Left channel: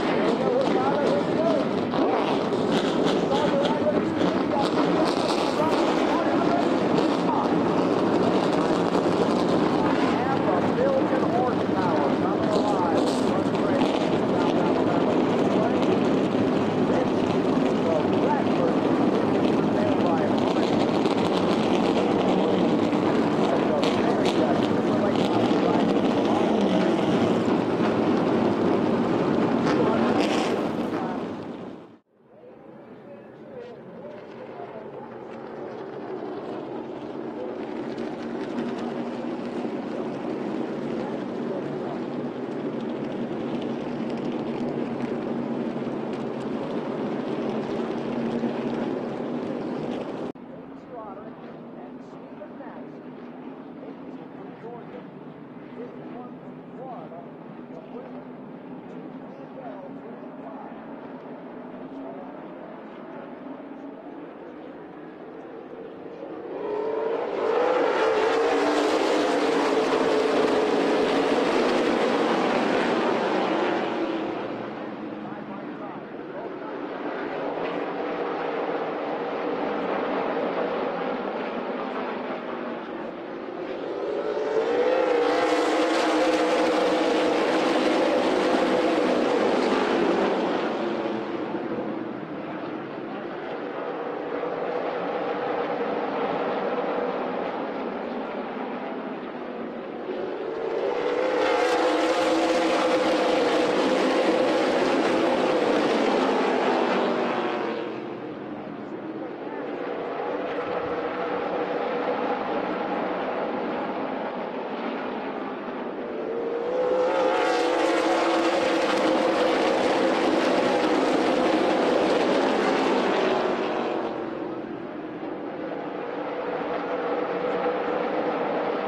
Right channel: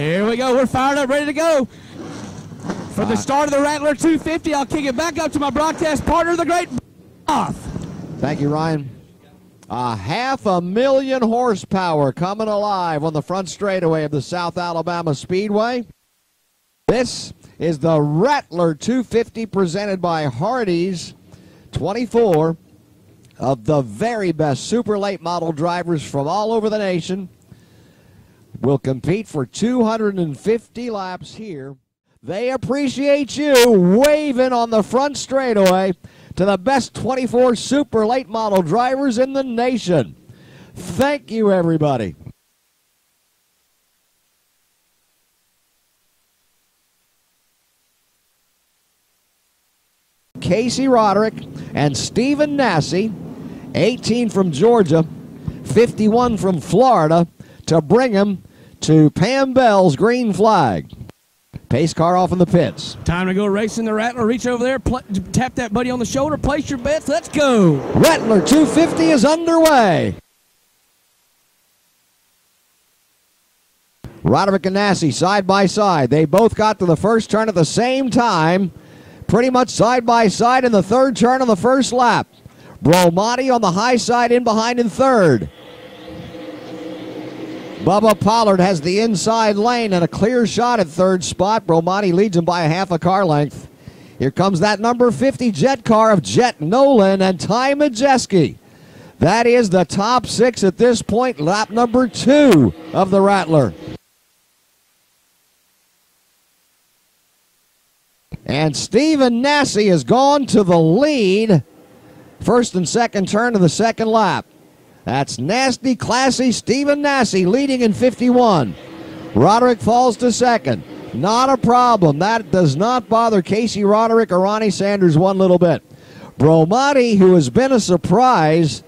Here we go. We're fired up, ready to go. From the start of the Rattler 250, I'll kick it back up to my broadcast partner, the great Off. Thank you, Ryan. 500,000 horsepower coming alive on the front straightaway of the South Alabama Speedway. This is the Rattler 250 presented by Hardee's. 24 of the very best super late model drivers from all over the nation will compete for 250 laps here. They appreciate you waving on the front straightaway to the best 24 super late model drivers in the nation. Thank you, everybody. Casey Roderick and Stephen Nasse, 18 from Georgia, 51 from Florida, to bring him to Pam Bell's green flag. Pace car off in the pits. Time to go racing the Rattler. Reach over there, tap that buddy on the shoulder, place your bets. Let's go. Rattler 250 is underway. Roderick and Nasse side by side. They both got to the first turn at the same time, pretty much side by side in the third turn on the first lap. Bromati on the high side in behind in third. Bubba Pollard has the inside lane and a clear shot at third spot. Bromati leads him by a half a car length. Here comes that number 50 jet car of Jet Nolan and Ty Majeski. That is the top six at this point, lap number 2 of the Rattler. And Stephen Nasse has gone to the lead. First and second turn of the second lap. That's nasty, classy Stephen Nasse leading in 51. Roderick falls to second. Not a problem. That does not bother Casey Roderick or Ronnie Sanders one little bit. Bromati, who has been a surprise,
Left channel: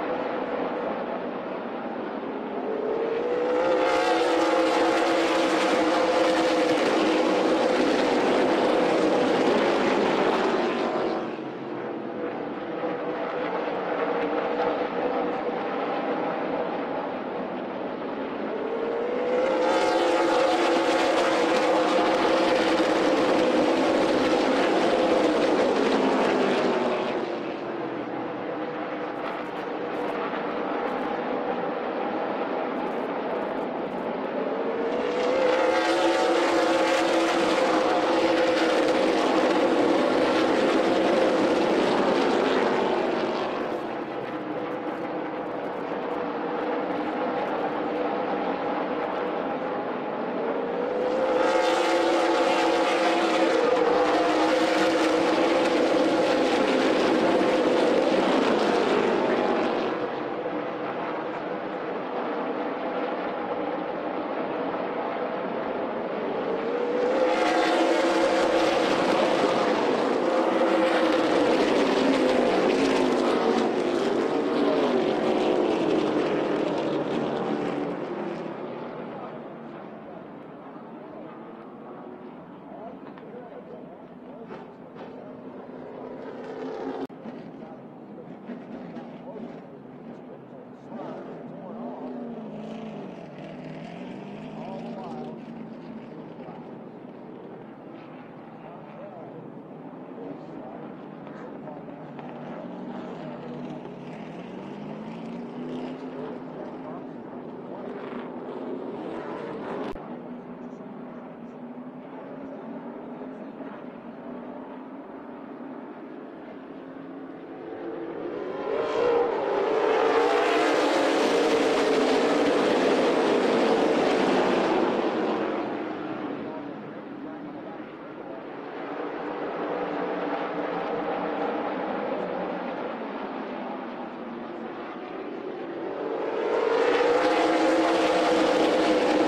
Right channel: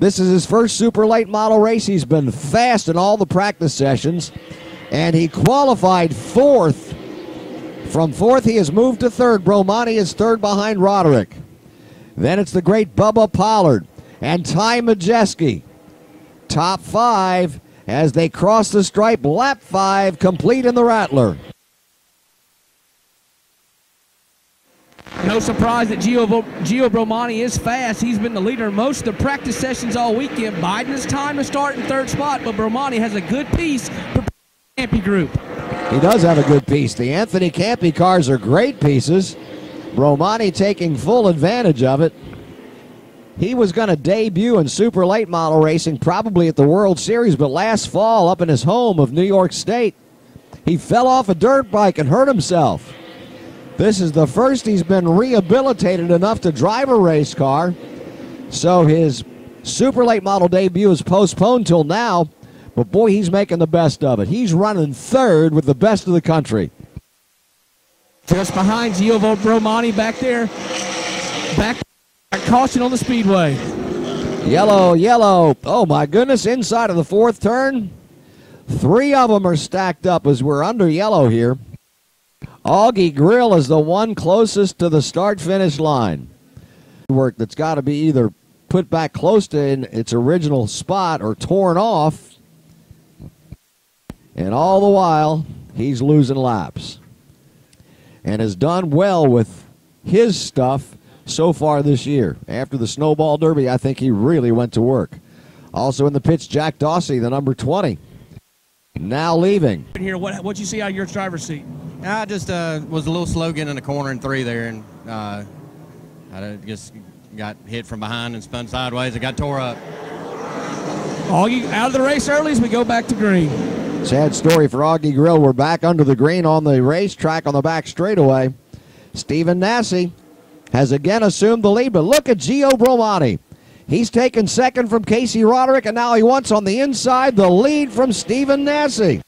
this is his first super late model race. He's been fast in all the practice sessions, and he qualified fourth. From fourth, he has moved to third. Bromati is third behind Roderick. Then it's the great Bubba Pollard and Ty Majeski. Top 5 as they cross the stripe. Lap 5 complete in the Rattler. No surprise that Gio Bromati is fast. He's been the leader in most of the practice sessions all weekend. Biding his time to start in third spot, but Bromati has a good piece for the Campy group. He does have a good piece. The Anthony Campy cars are great pieces. Bromati taking full advantage of it. He was going to debut in super late model racing probably at the World Series, but last fall up in his home of New York State, he fell off a dirt bike and hurt himself. This is the first he's been rehabilitated enough to drive a race car, so his super late model debut is postponed till now, but boy, he's making the best of it. He's running third with the best of the country. Just behind Gio Bromati back there. Back at caution on the Speedway. Yellow, yellow. Oh my goodness, inside of the fourth turn. 3 of them are stacked up as we're under yellow here. Augie Grill is the one closest to the start-finish line. Work that's got to be either put back close to its original spot or torn off. And all the while, he's losing laps. And has done well with his stuff so far this year. After the Snowball Derby, I think he really went to work. Also in the pits, Jack Dawsey, the number 20, now leaving. Here, what'd you see out of your driver's seat? I just was a little slow getting in the corner in 3 there, and I just got hit from behind and spun sideways. It got tore up. Augie out of the race early as we go back to green. Sad story for Augie Grill. We're back under the green on the racetrack on the back straightaway. Stephen Nasse has again assumed the lead, but look at Gio Bromati. He's taken second from Casey Roderick, and now he wants on the inside the lead from Stephen Nasse.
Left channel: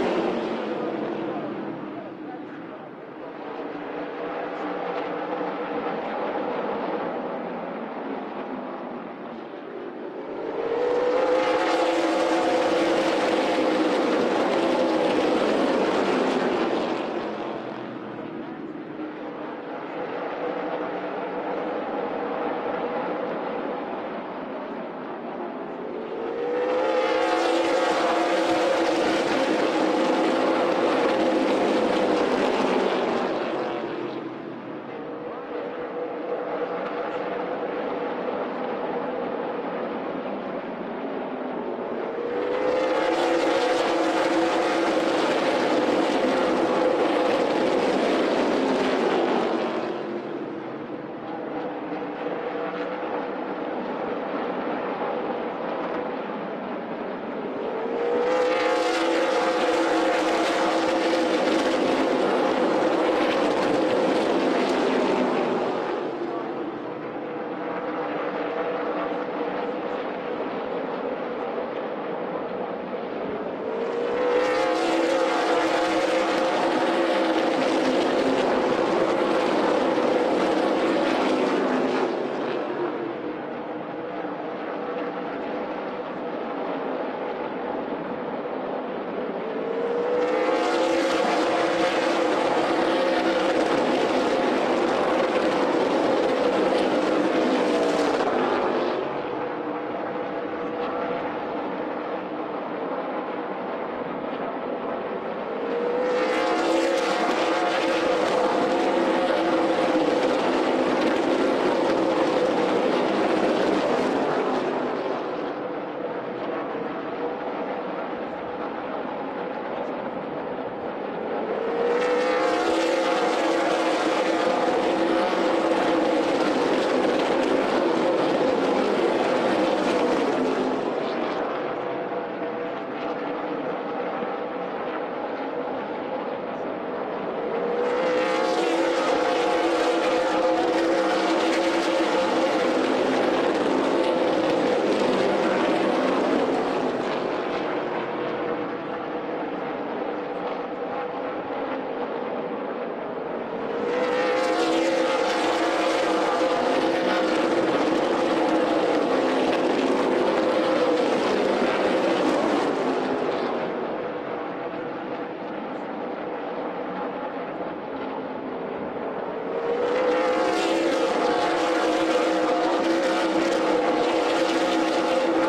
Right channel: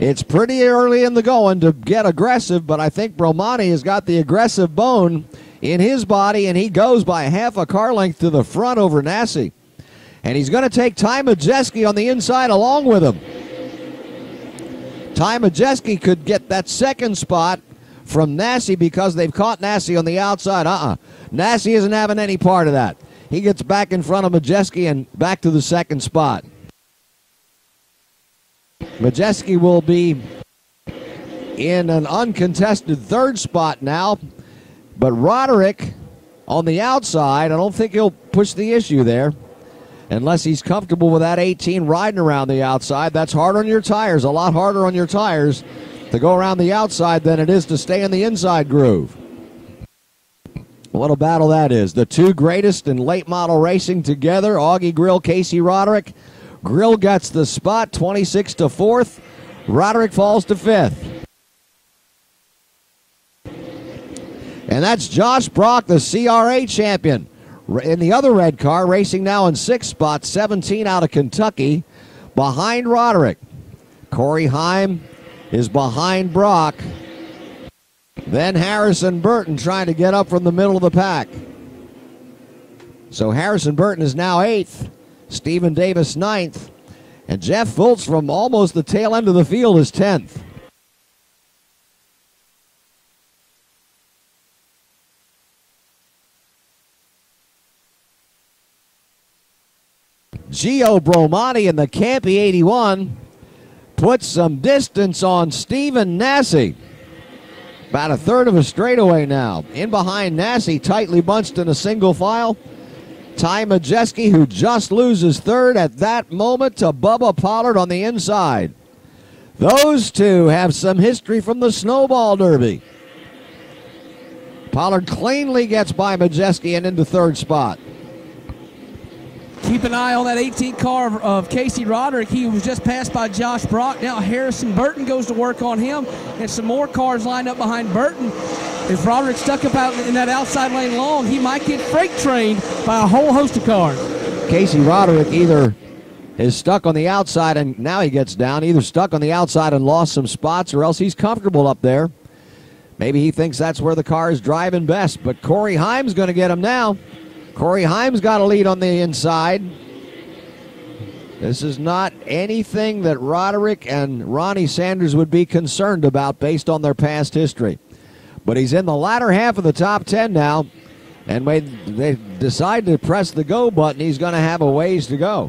It's pretty early in the going to get aggressive, but I think Bromati has got the aggressive bone in his body, and he goes by half a car length to the front over Nasse. And he's going to take Ty Majeski on the inside along with him. Ty Majeski could get that second spot from Nasse because they've caught Nasse on the outside. Nasse isn't having any part of that. He gets back in front of Majeski and back to the second spot. Majeski will be in an uncontested third spot now, but Roderick on the outside, I don't think he'll push the issue there unless he's comfortable with that 18 riding around the outside. That's hard on your tires, a lot harder on your tires to go around the outside than it is to stay in the inside groove. What a battle that is. The two greatest in late model racing together, Augie Grill, Casey Roderick. Grill gets the spot, 26 to 4th. Roderick falls to 5th. And that's Josh Brock, the CRA champion. In the other red car, racing now in 6th spot, 17 out of Kentucky, behind Roderick. Corey Heim is behind Brock. Then Harrison Burton trying to get up from the middle of the pack. So Harrison Burton is now 8th, Stephen Davis 9th, and Jeff Fultz from almost the tail end of the field is 10th. Gio Bromati in the Campy 81 puts some distance on Stephen Nasse. About a third of a straightaway now. In behind Nasse, tightly bunched in a single file. Ty Majeski, who just loses third at that moment to Bubba Pollard on the inside. Those two have some history from the Snowball Derby. Pollard cleanly gets by Majeski and into third spot. Keep an eye on that 18 car of Casey Roderick. He was just passed by Josh Brock. Now Harrison Burton goes to work on him, and some more cars lined up behind Burton. If Roderick stuck about in that outside lane long, he might get freight trained by a whole host of cars. Casey Roderick either is stuck on the outside, and now he gets down, either stuck on the outside and lost some spots, or else he's comfortable up there. Maybe he thinks that's where the car is driving best, but Corey Heim's going to get him now. Corey Heim's got a lead on the inside. This is not anything that Roderick and Ronnie Sanders would be concerned about based on their past history. But he's in the latter half of the top 10 now, and they decide to press the go button. He's going to have a ways to go.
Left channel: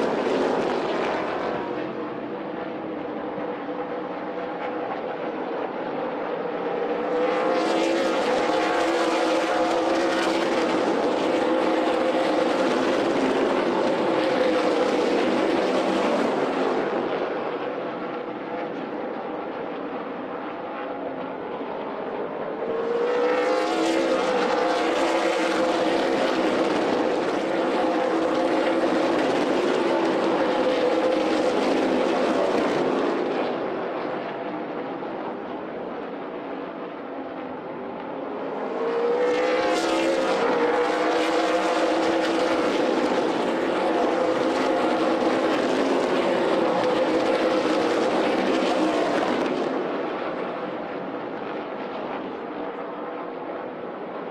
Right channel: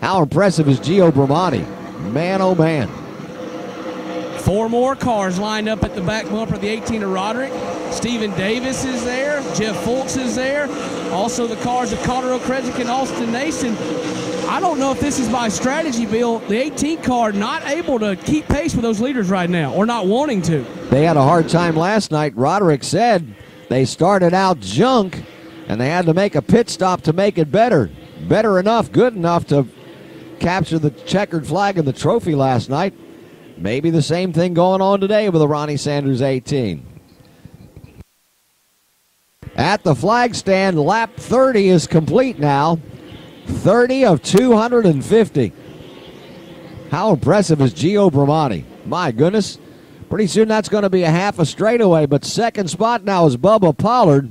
How impressive is Gio Bromati? Man, oh man. 4 more cars lined up at the back bumper of the 18 of Roderick. Stephen Davis is there. Jeff Fultz is there. Also the cars of Colorado Kresik and Austin Nason. I don't know if this is my strategy, Bill. The 18 car not able to keep pace with those leaders right now, or not wanting to. They had a hard time last night. Roderick said they started out junk, and they had to make a pit stop to make it better. Better enough, good enough to capture the checkered flag of the trophy last night. Maybe the same thing going on today with the Ronnie Sanders 18. At the flag stand, lap 30 is complete now. 30 of 250. How impressive is Gio Bromati? My goodness. Pretty soon that's going to be a half a straightaway, but second spot now is Bubba Pollard.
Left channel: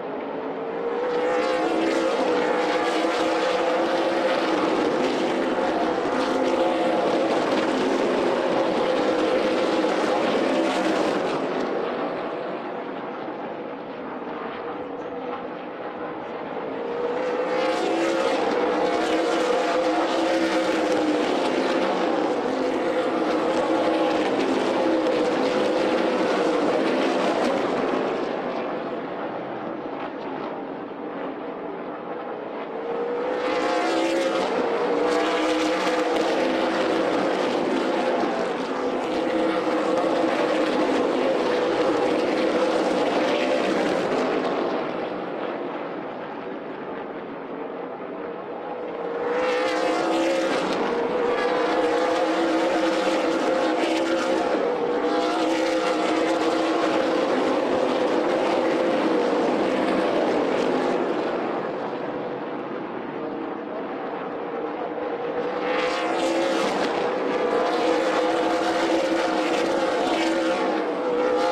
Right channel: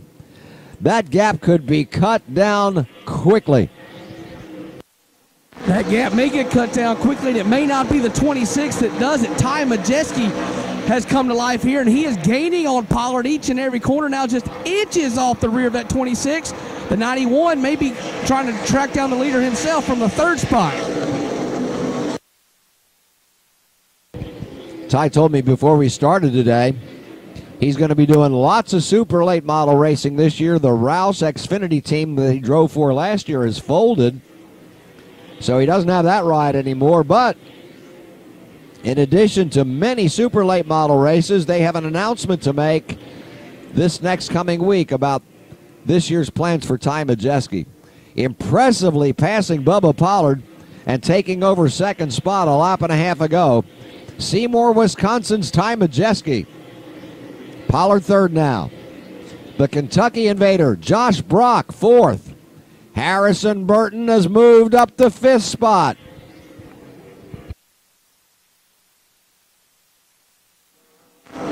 That gap could be cut down quickly. That gap may get cut down quickly, and it may not be the 26 that does it. Ty Majeski has come to life here, and he is gaining on Pollard each and every corner now, just inches off the rear of that 26. The 91 may be trying to track down the leader himself from the third spot. Ty told me before we started today, he's going to be doing lots of super late model racing this year. The Rouse Xfinity team that he drove for last year is folded, so he doesn't have that ride anymore. But in addition to many super late model races, they have an announcement to make this next coming week about this year's plans for Ty Majeski. Impressively passing Bubba Pollard and taking over second spot a lap and a half ago. Seymour, Wisconsin's Ty Majeski. Pollard third now. The Kentucky Invader, Josh Brock, fourth. Harrison Burton has moved up to fifth spot.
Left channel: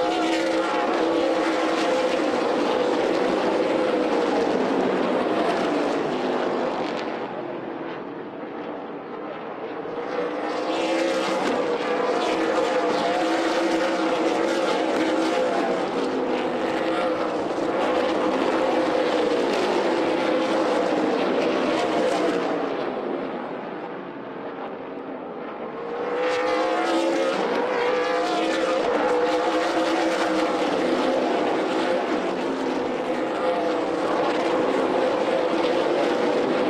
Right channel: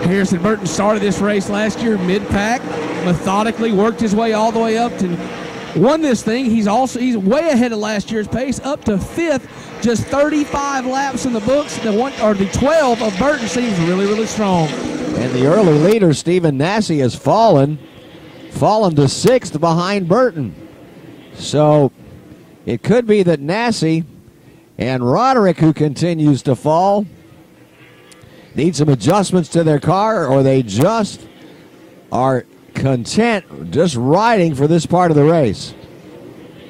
Harrison Burton started this race last year mid-pack, methodically worked his way all the way up to won this thing. He's way ahead of last year's pace, up to fifth, just 35 laps in the books. The 12 of Burton seems really, really strong. And the early leader, Stephen Nasse, has fallen fallen to 6th behind Burton. So it could be that Nasse and Roderick, who continues to fall, need some adjustments to their car, or they just are content just riding for this part of the race.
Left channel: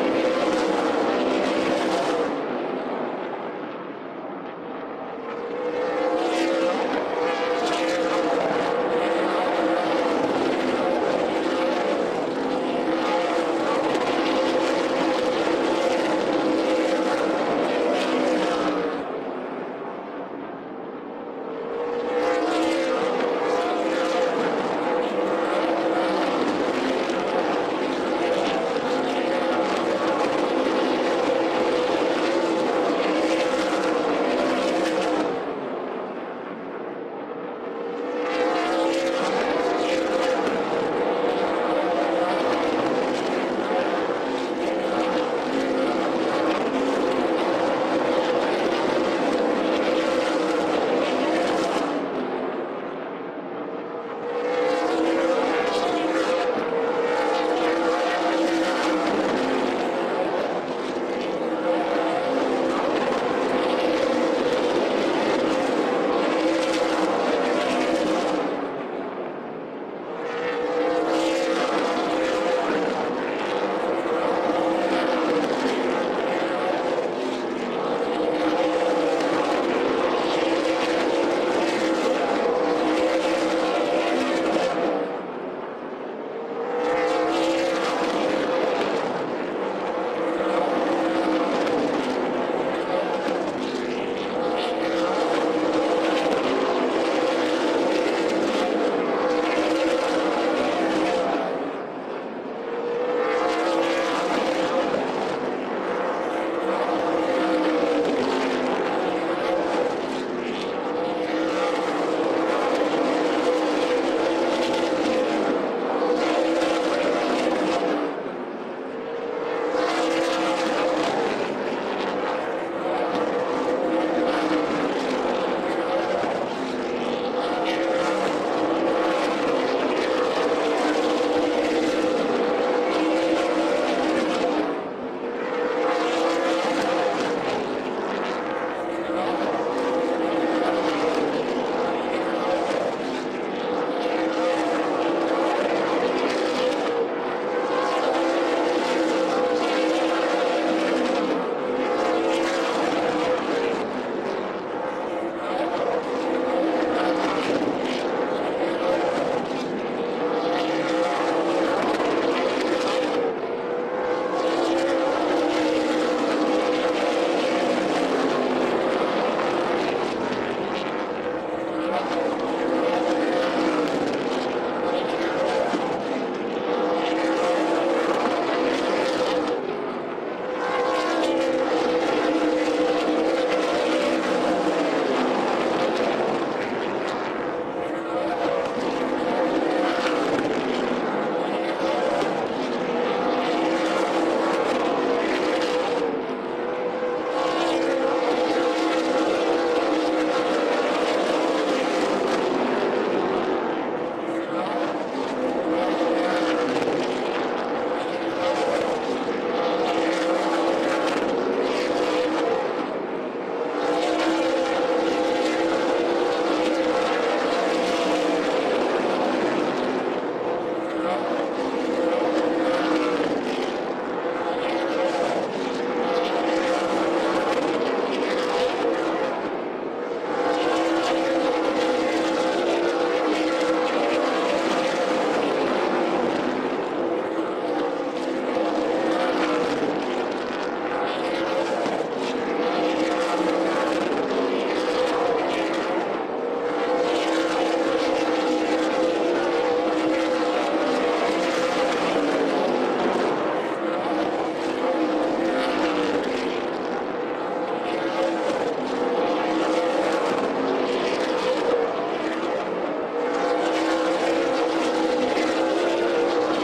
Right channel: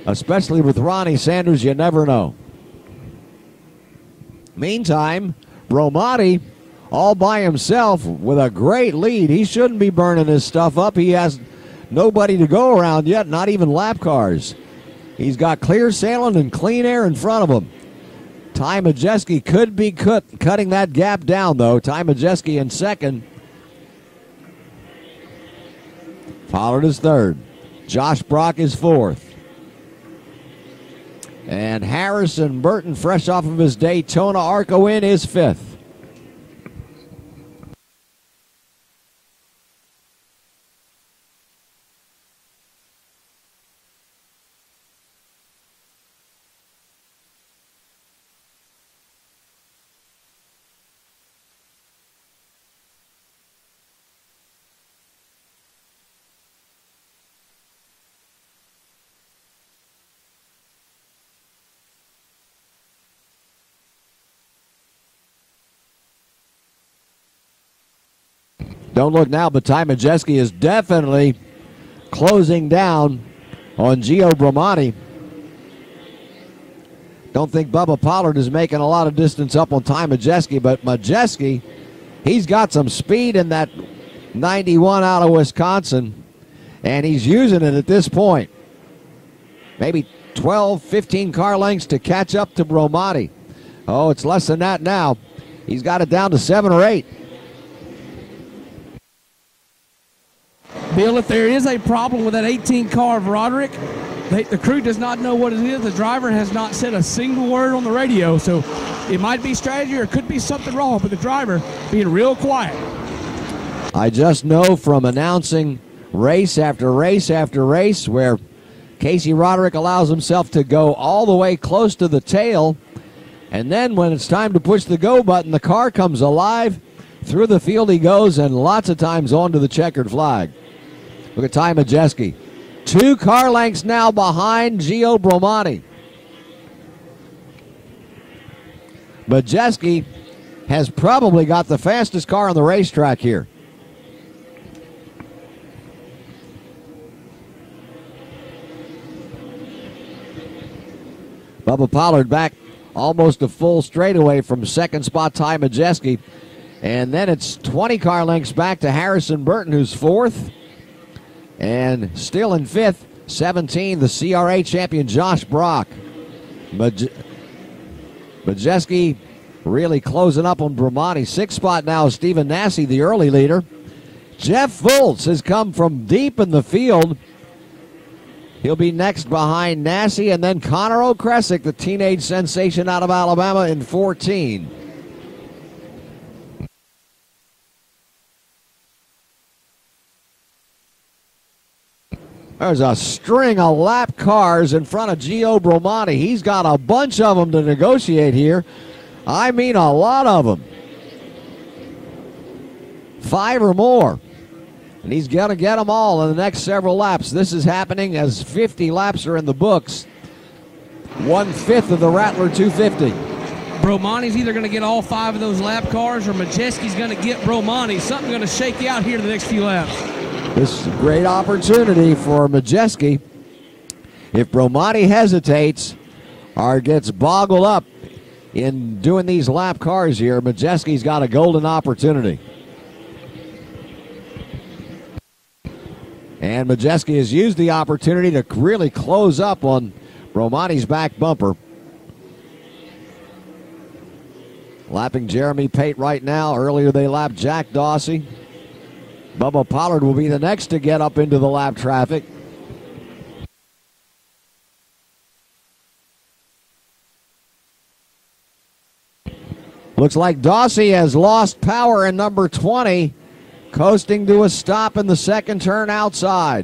Especially with Ronnie Sanders, you never know. Meantime, Bromati all by himself with a great lead. He shouldn't be burning this stuff up. He has nobody to go around yet, not even lap cars. He's got clear sailing and clean air in front of him. Ty Majeski could be cutting that gap down, though. Ty Majeski in second. Pollard is third. Josh Brock is fourth. And Harrison Burton, fresh off of his Daytona ARCA win, is fifth. Don't look now, but Ty Majeski is definitely closing down on Gio Bromati. Don't think Bubba Pollard is making a lot of distance up on Ty Majeski, but Majeski, he's got some speed in that 91 out of Wisconsin, and he's using it at this point. Maybe 12, 15 car lengths to catch up to Bromati. Oh, it's less than that now. He's got it down to 7 or 8. Bill, if there is a problem with that 18 car of Roderick, the crew does not know what it is. The driver has not said a single word on the radio, so it might be strategy or it could be something wrong with the driver being real quiet. I just know from announcing race after race after race where Casey Roderick allows himself to go all the way close to the tail, and then when it's time to push the go button, the car comes alive. Through the field he goes, and lots of times onto the checkered flag. With Ty Majeski. 2 car lengths now behind Gio Bromati. Majeski has probably got the fastest car on the racetrack here. Bubba Pollard back almost a full straightaway from second spot Ty Majeski. And then it's 20 car lengths back to Harrison Burton, who's fourth. And still in fifth, 17, the CRA champion Josh Brock. Majeski really closing up on Bromati. Sixth spot now is Stephen Nasse, the early leader. Jeff Fultz has come from deep in the field. He'll be next behind Nasse, and then Connor O'Kresick, the teenage sensation out of Alabama, in 14. There's a string of lap cars in front of Gio Bromati. He's got a bunch of them to negotiate here. I mean, a lot of them. 5 or more. And he's going to get them all in the next several laps. This is happening as 50 laps are in the books. 1/5 of the Rattler 250. Bromati's either going to get all 5 of those lap cars, or Majeski's going to get Bromati. Something's going to shake you out here in the next few laps. This is a great opportunity for Majeski. If Bromati hesitates or gets boggled up in doing these lap cars here, Majeski's got a golden opportunity. And Majeski has used the opportunity to really close up on Bromati's back bumper. Lapping Jeremy Pate right now. Earlier they lapped Jack Dawsey. Bubba Pollard will be the next to get up into the lap traffic. Looks like Dawsey has lost power in number 20, coasting to a stop in the second turn outside.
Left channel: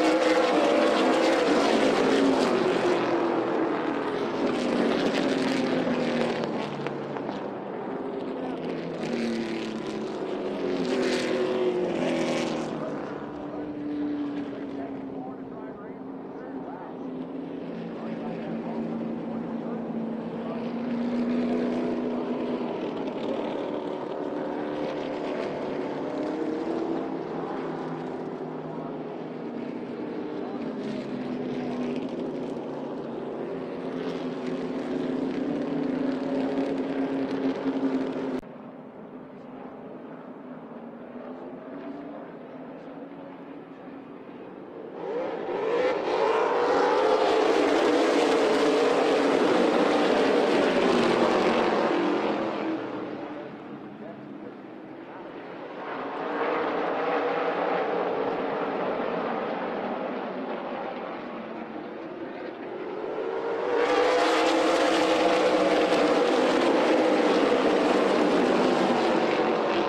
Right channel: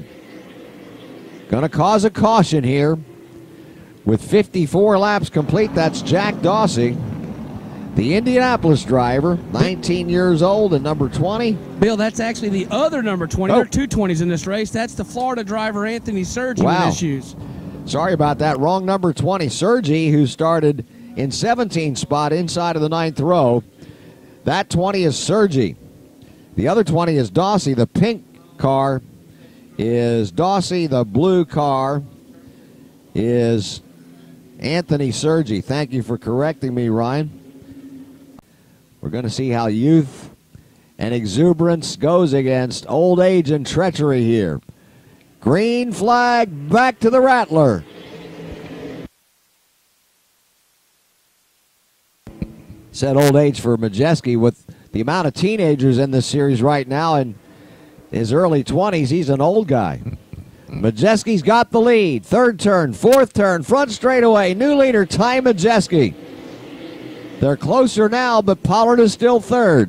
Gonna cause a caution here. With 54 laps complete, that's Jack Dawsey. The Indianapolis driver, 19 years old and number 20. Bill, that's actually the other number 20. There are two 20s in this race. That's the Florida driver, Anthony Sergi, with issues. Sorry about that. Wrong number 20. Sergi, who started in 17th spot inside of the 9th row. That 20 is Sergi. The other 20 is Dossie. The pink car is Dossie. The blue car is Anthony Sergi. Thank you for correcting me, Ryan. We're going to see how youth and exuberance goes against old age and treachery here. Green flag back to the Rattler. Said old age for Majeski. With the amount of teenagers in this series right now in his early 20s, he's an old guy. Majeski's got the lead. Third turn, fourth turn, front straightaway. New leader, Ty Majeski. They're closer now, but Pollard is still third.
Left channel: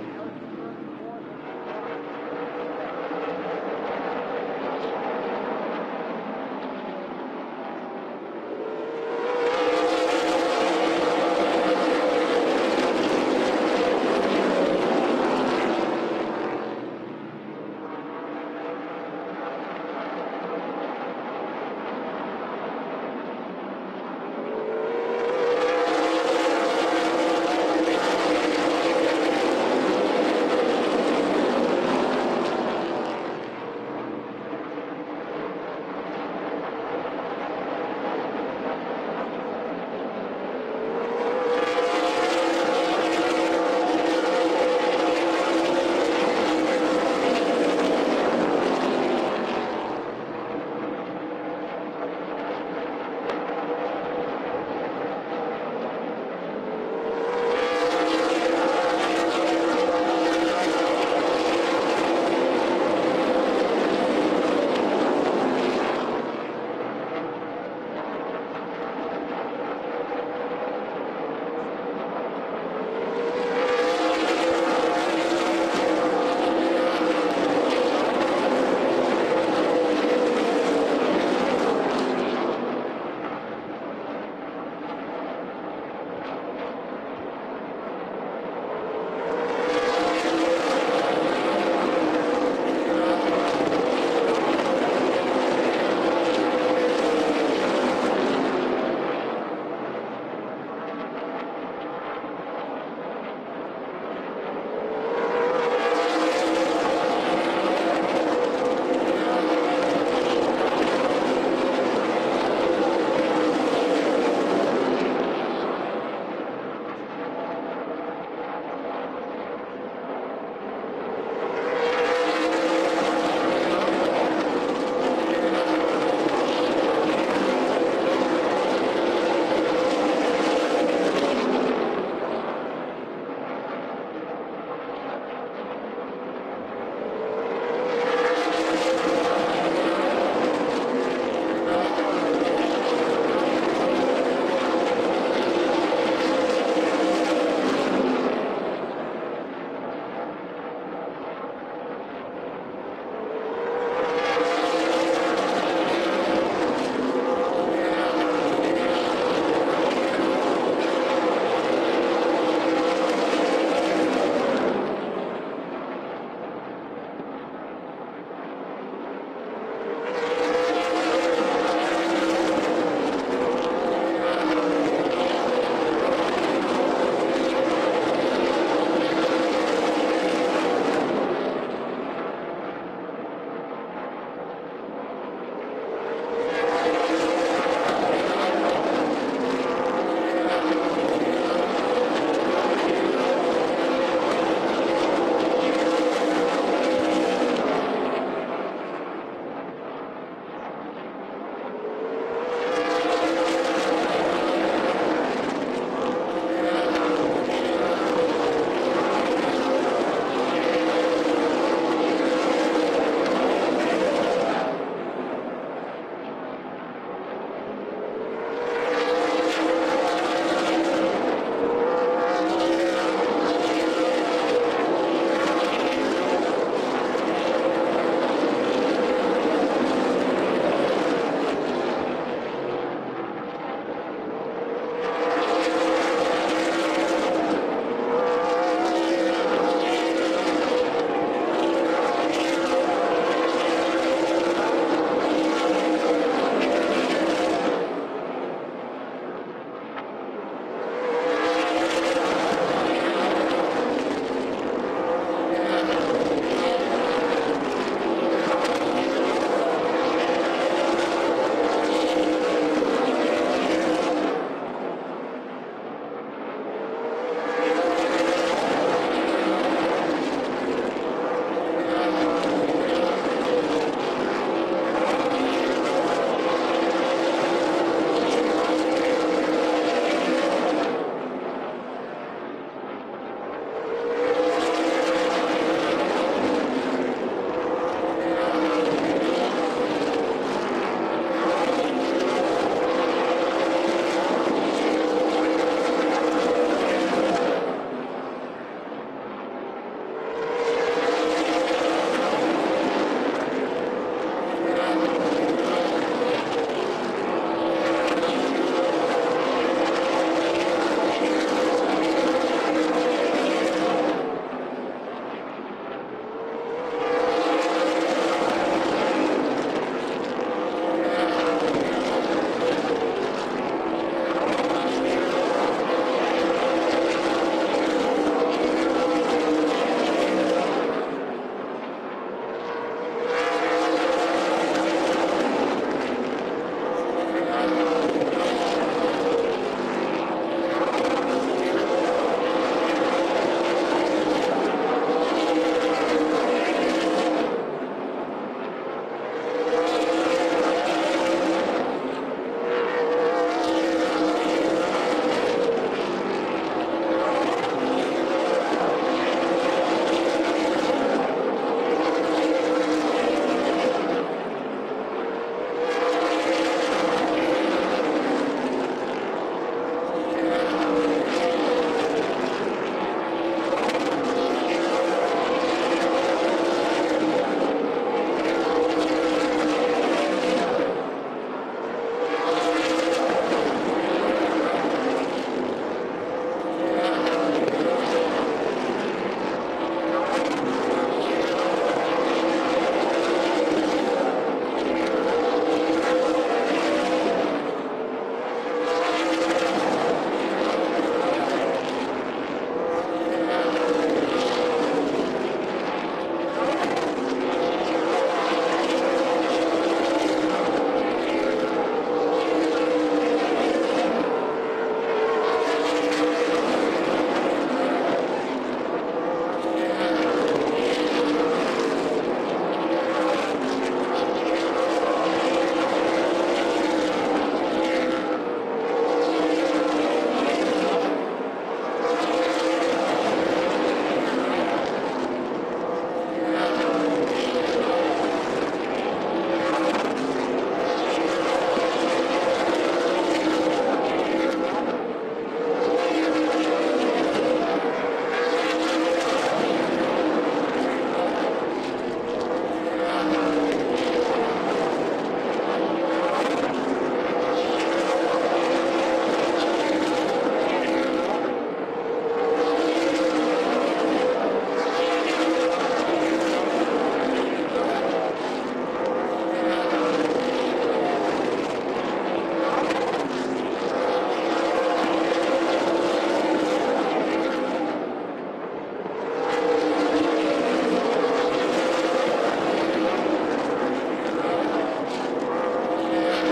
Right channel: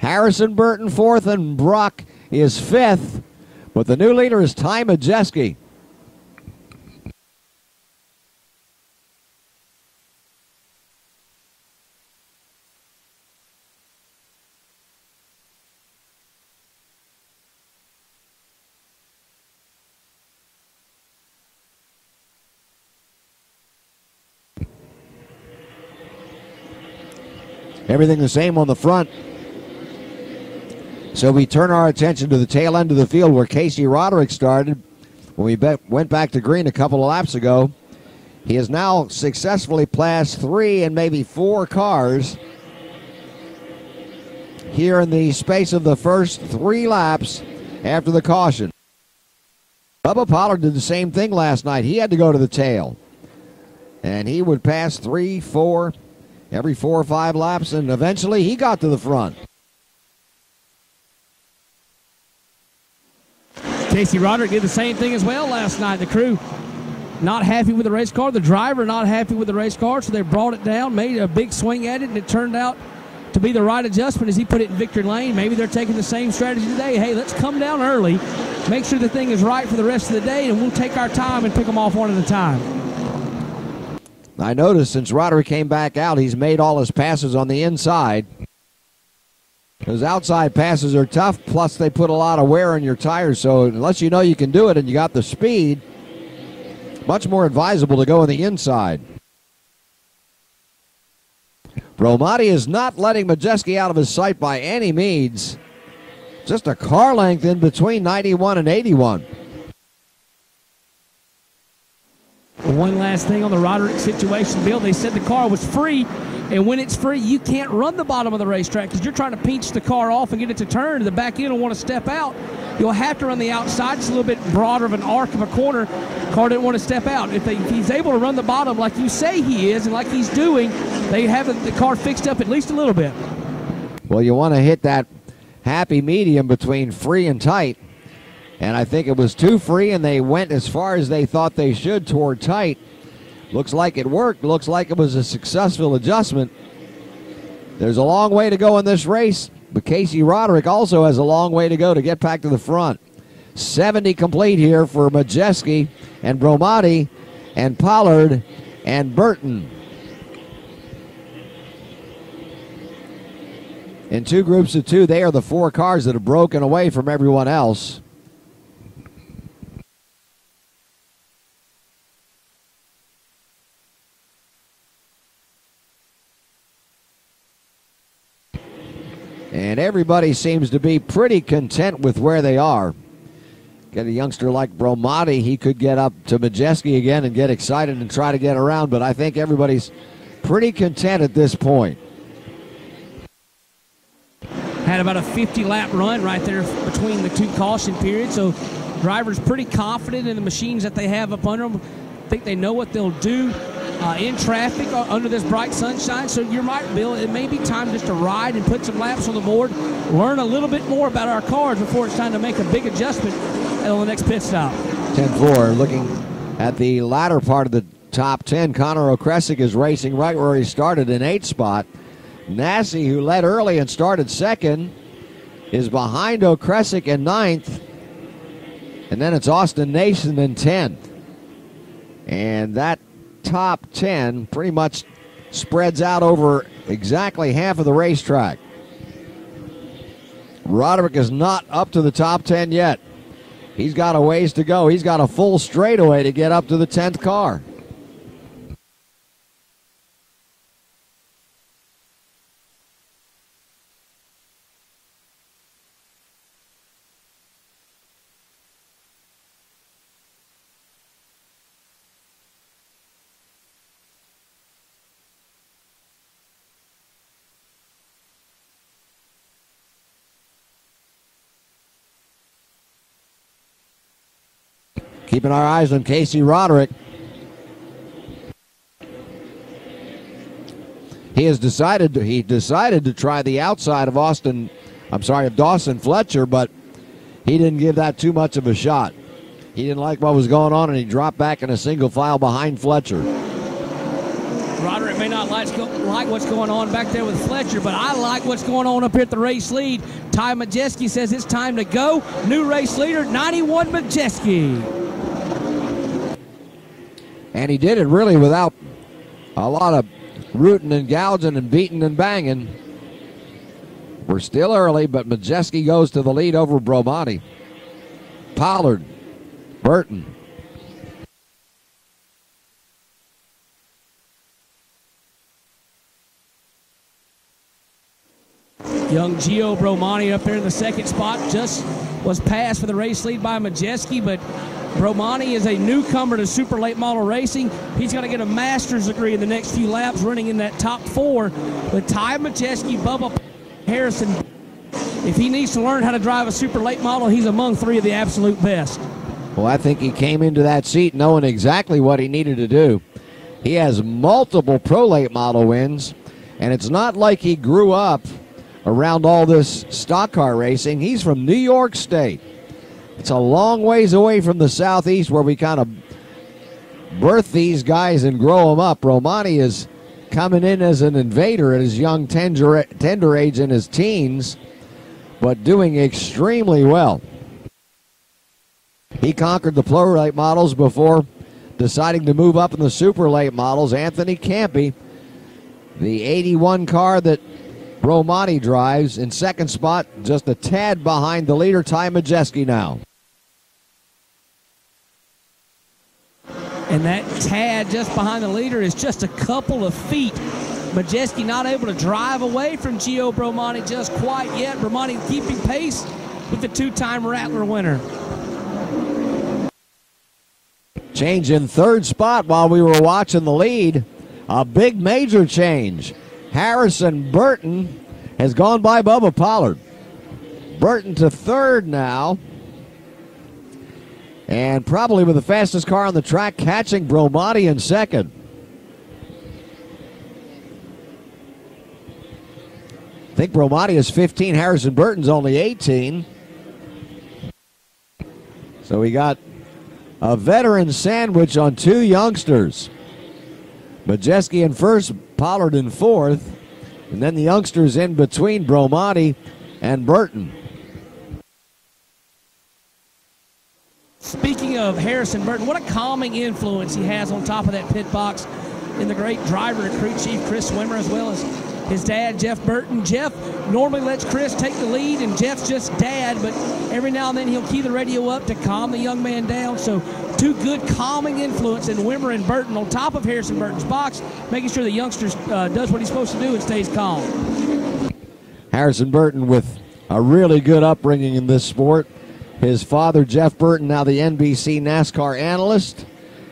Harrison Burton fourth, and Brock is fifth. But the new leader is Ty Majeski. Everything the same on the front. So we turn our attention to the tail end of the field where Casey Roderick started when we went back to green a couple of laps ago. He has now successfully passed 3 and maybe 4 cars here in the space of the first 3 laps after the caution. Bubba Pollard did the same thing last night. He had to go to the tail. And he would pass 3, 4, every 4 or 5 laps, and eventually he got to the front. Casey Roderick did the same thing as well last night. The crew not happy with the race car. The driver not happy with the race car, so they brought it down, made a big swing at it, and it turned out to be the right adjustment as he put it in victory lane. Maybe they're taking the same strategy today. Hey, let's come down early, make sure the thing is right for the rest of the day, and we'll take our time and pick them off one at a time. I noticed since Roderick came back out, he's made all his passes on the inside. Those outside passes are tough, plus they put a lot of wear on your tires, so unless you know you can do it and you got the speed, it's much more advisable to go on the inside. Bromati is not letting Majeski out of his sight by any means. Just a car length in between 91 and 81. One last thing on the Roderick situation, Bill. They said the car was free, and when it's free, you can't run the bottom of the racetrack because you're trying to pinch the car off and get it to turn, and the back end will want to step out. You'll have to run the outside. It's a little bit broader of an arc of a corner. The car didn't want to step out. If he's able to run the bottom like you say he is and like he's doing, they have the car fixed up at least a little bit. Well, you want to hit that happy medium between free and tight. And I think it was too free, and they went as far as they thought they should toward tight. Looks like it worked. Looks like it was a successful adjustment. There's a long way to go in this race, but Casey Roderick also has a long way to go to get back to the front. 70 complete here for Majeski and Bromati and Pollard and Burton. In 2 groups of 2, they are the 4 cars that have broken away from everyone else. Everybody seems to be pretty content with where they are. Get a youngster like Bromati, he could get up to Majeski again and get excited and try to get around, but I think everybody's pretty content at this point. Had about a 50-lap run right there between the 2 caution periods, so drivers pretty confident in the machines that they have up under them. I think they know what they'll do in traffic under this bright sunshine. So you're right, Bill. It may be time just to ride and put some laps on the board, learn a little bit more about our cars before it's time to make a big adjustment on the next pit stop. 10-4, looking at the latter part of the top 10. Connor O'Kresick is racing right where he started in 8th spot. Nassi, who led early and started 2nd, is behind O'Kresick in 9th. And then it's Austin Nation in 10th. And that top 10 pretty much spreads out over exactly half of the racetrack. Roderick is not up to the top 10 yet. He's got a ways to go. He's got a full straightaway to get up to the 10th car. Keeping our eyes on Casey Roderick. He decided to try the outside of Dawson Fletcher, but he didn't give that too much of a shot. He didn't like what was going on, and he dropped back in a single file behind Fletcher. Roderick may not like what's going on back there with Fletcher, but I like what's going on up here at the race lead. Ty Majeski says it's time to go. New race leader, 91 Majeski. And he did it really without a lot of rooting and gouging and beating and banging. We're still early, but Majeski goes to the lead over Bromani. Pollard, Burton. Young Gio Bromani up there in the second spot just was passed for the race lead by Majeski, but Bromani is a newcomer to super late model racing. He's going to get a master's degree in the next few laps running in that top 4. But Ty Majeski, Bubba Harrison, if he needs to learn how to drive a super late model, he's among 3 of the absolute best. Well, I think he came into that seat knowing exactly what he needed to do. He has multiple pro late model wins, and it's not like he grew up around all this stock car racing. He's from New York State. It's a long ways away from the Southeast where we kind of birth these guys and grow them up. Romani is coming in as an invader at his young tender age in his teens, but doing extremely well. He conquered the pro late models before deciding to move up into super late models. Anthony Campy, the 81 car that Romani drives, in second spot, just a tad behind the leader, Ty Majeski now. And that tad just behind the leader is just a couple of feet. Majeski not able to drive away from Gio Bromani just quite yet. Bromani keeping pace with the 2-time Rattler winner. Change in third spot while we were watching the lead. A big major change. Harrison Burton has gone by Bubba Pollard. Burton to third now. And probably with the fastest car on the track, catching Bromani in second. I think Bromani is 15, Harrison Burton's only 18. So we got a veteran sandwich on 2 youngsters. Majeski in first, Pollard in fourth, and then the youngsters in between Bromani and Burton. Speaking of Harrison Burton, what a calming influence he has on top of that pit box, and the great driver and crew chief Chris Swimmer, as well as his dad Jeff Burton. Jeff normally lets Chris take the lead, and Jeff's just dad, but every now and then he'll key the radio up to calm the young man down. So 2 good calming influence in Wimmer and Burton on top of Harrison Burton's box, making sure the youngsters does what he's supposed to do and stays calm. Harrison Burton with a really good upbringing in this sport. His father, Jeff Burton, now the NBC NASCAR analyst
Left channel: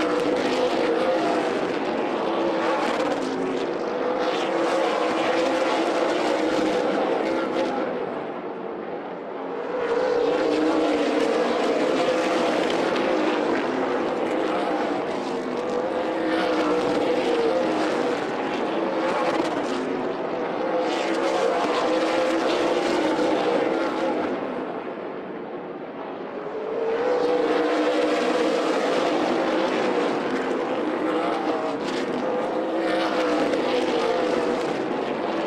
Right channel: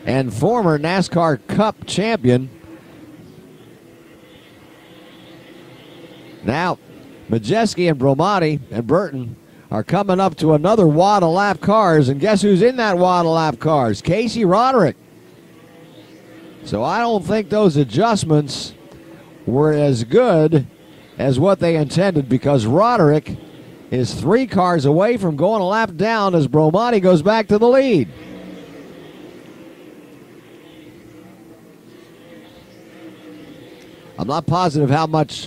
and former NASCAR Cup champion. Now, Majeski and Bromani and Burton are coming up to another wad of lap cars, and guess who's in that wad of lap cars? Casey Roderick. So I don't think those adjustments were as good as what they intended, because Roderick is 3 cars away from going a lap down as Bromani goes back to the lead. I'm not positive how much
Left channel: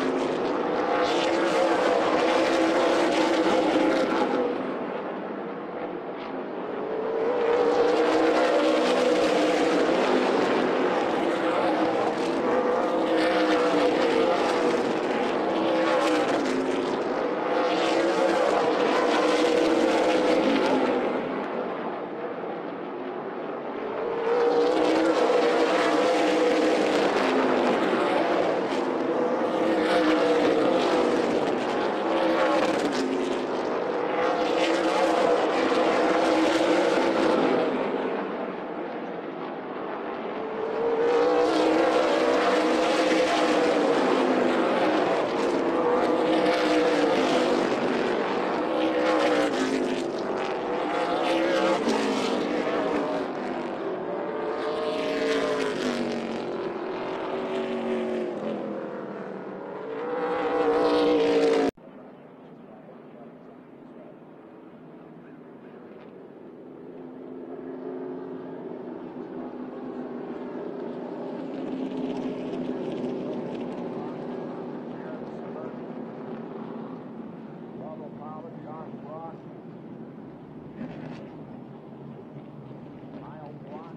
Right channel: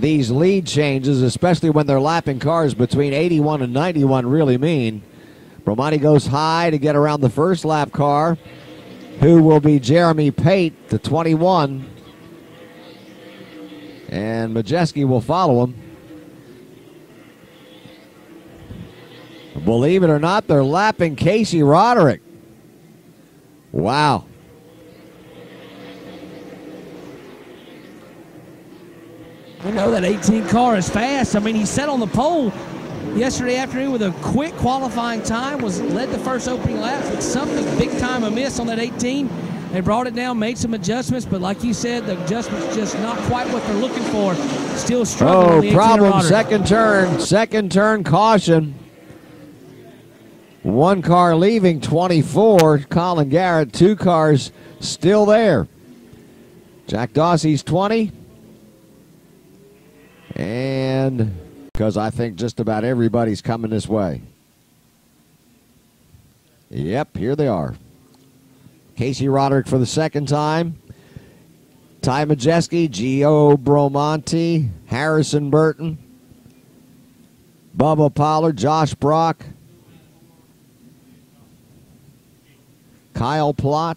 these lead changes, especially when they're lapping cars between 81 and 91, really mean. Bromani goes high to get around the first lap car, who will be Jeremy Pate, the 21. And Majeski will follow him. Believe it or not, they're lapping Casey Roderick. Wow. You know, that 18 car is fast. I mean, he set on the pole yesterday afternoon with a quick qualifying time, led the first open laps, but something big time amiss on that 18. They brought it down, made some adjustments, but like you said, the adjustments just not quite what they're looking for. Still struggling. Oh, with the problem, 18 second turn caution. One car leaving 24, Colin Garrett, 2 cars still there. Jack Dossie's 20. And because I think just about everybody's coming this way. Yep, here they are. Casey Roderick for the second time. Ty Majeski, Gio Bromonti, Harrison Burton, Bubba Pollard, Josh Brock, Kyle Plott,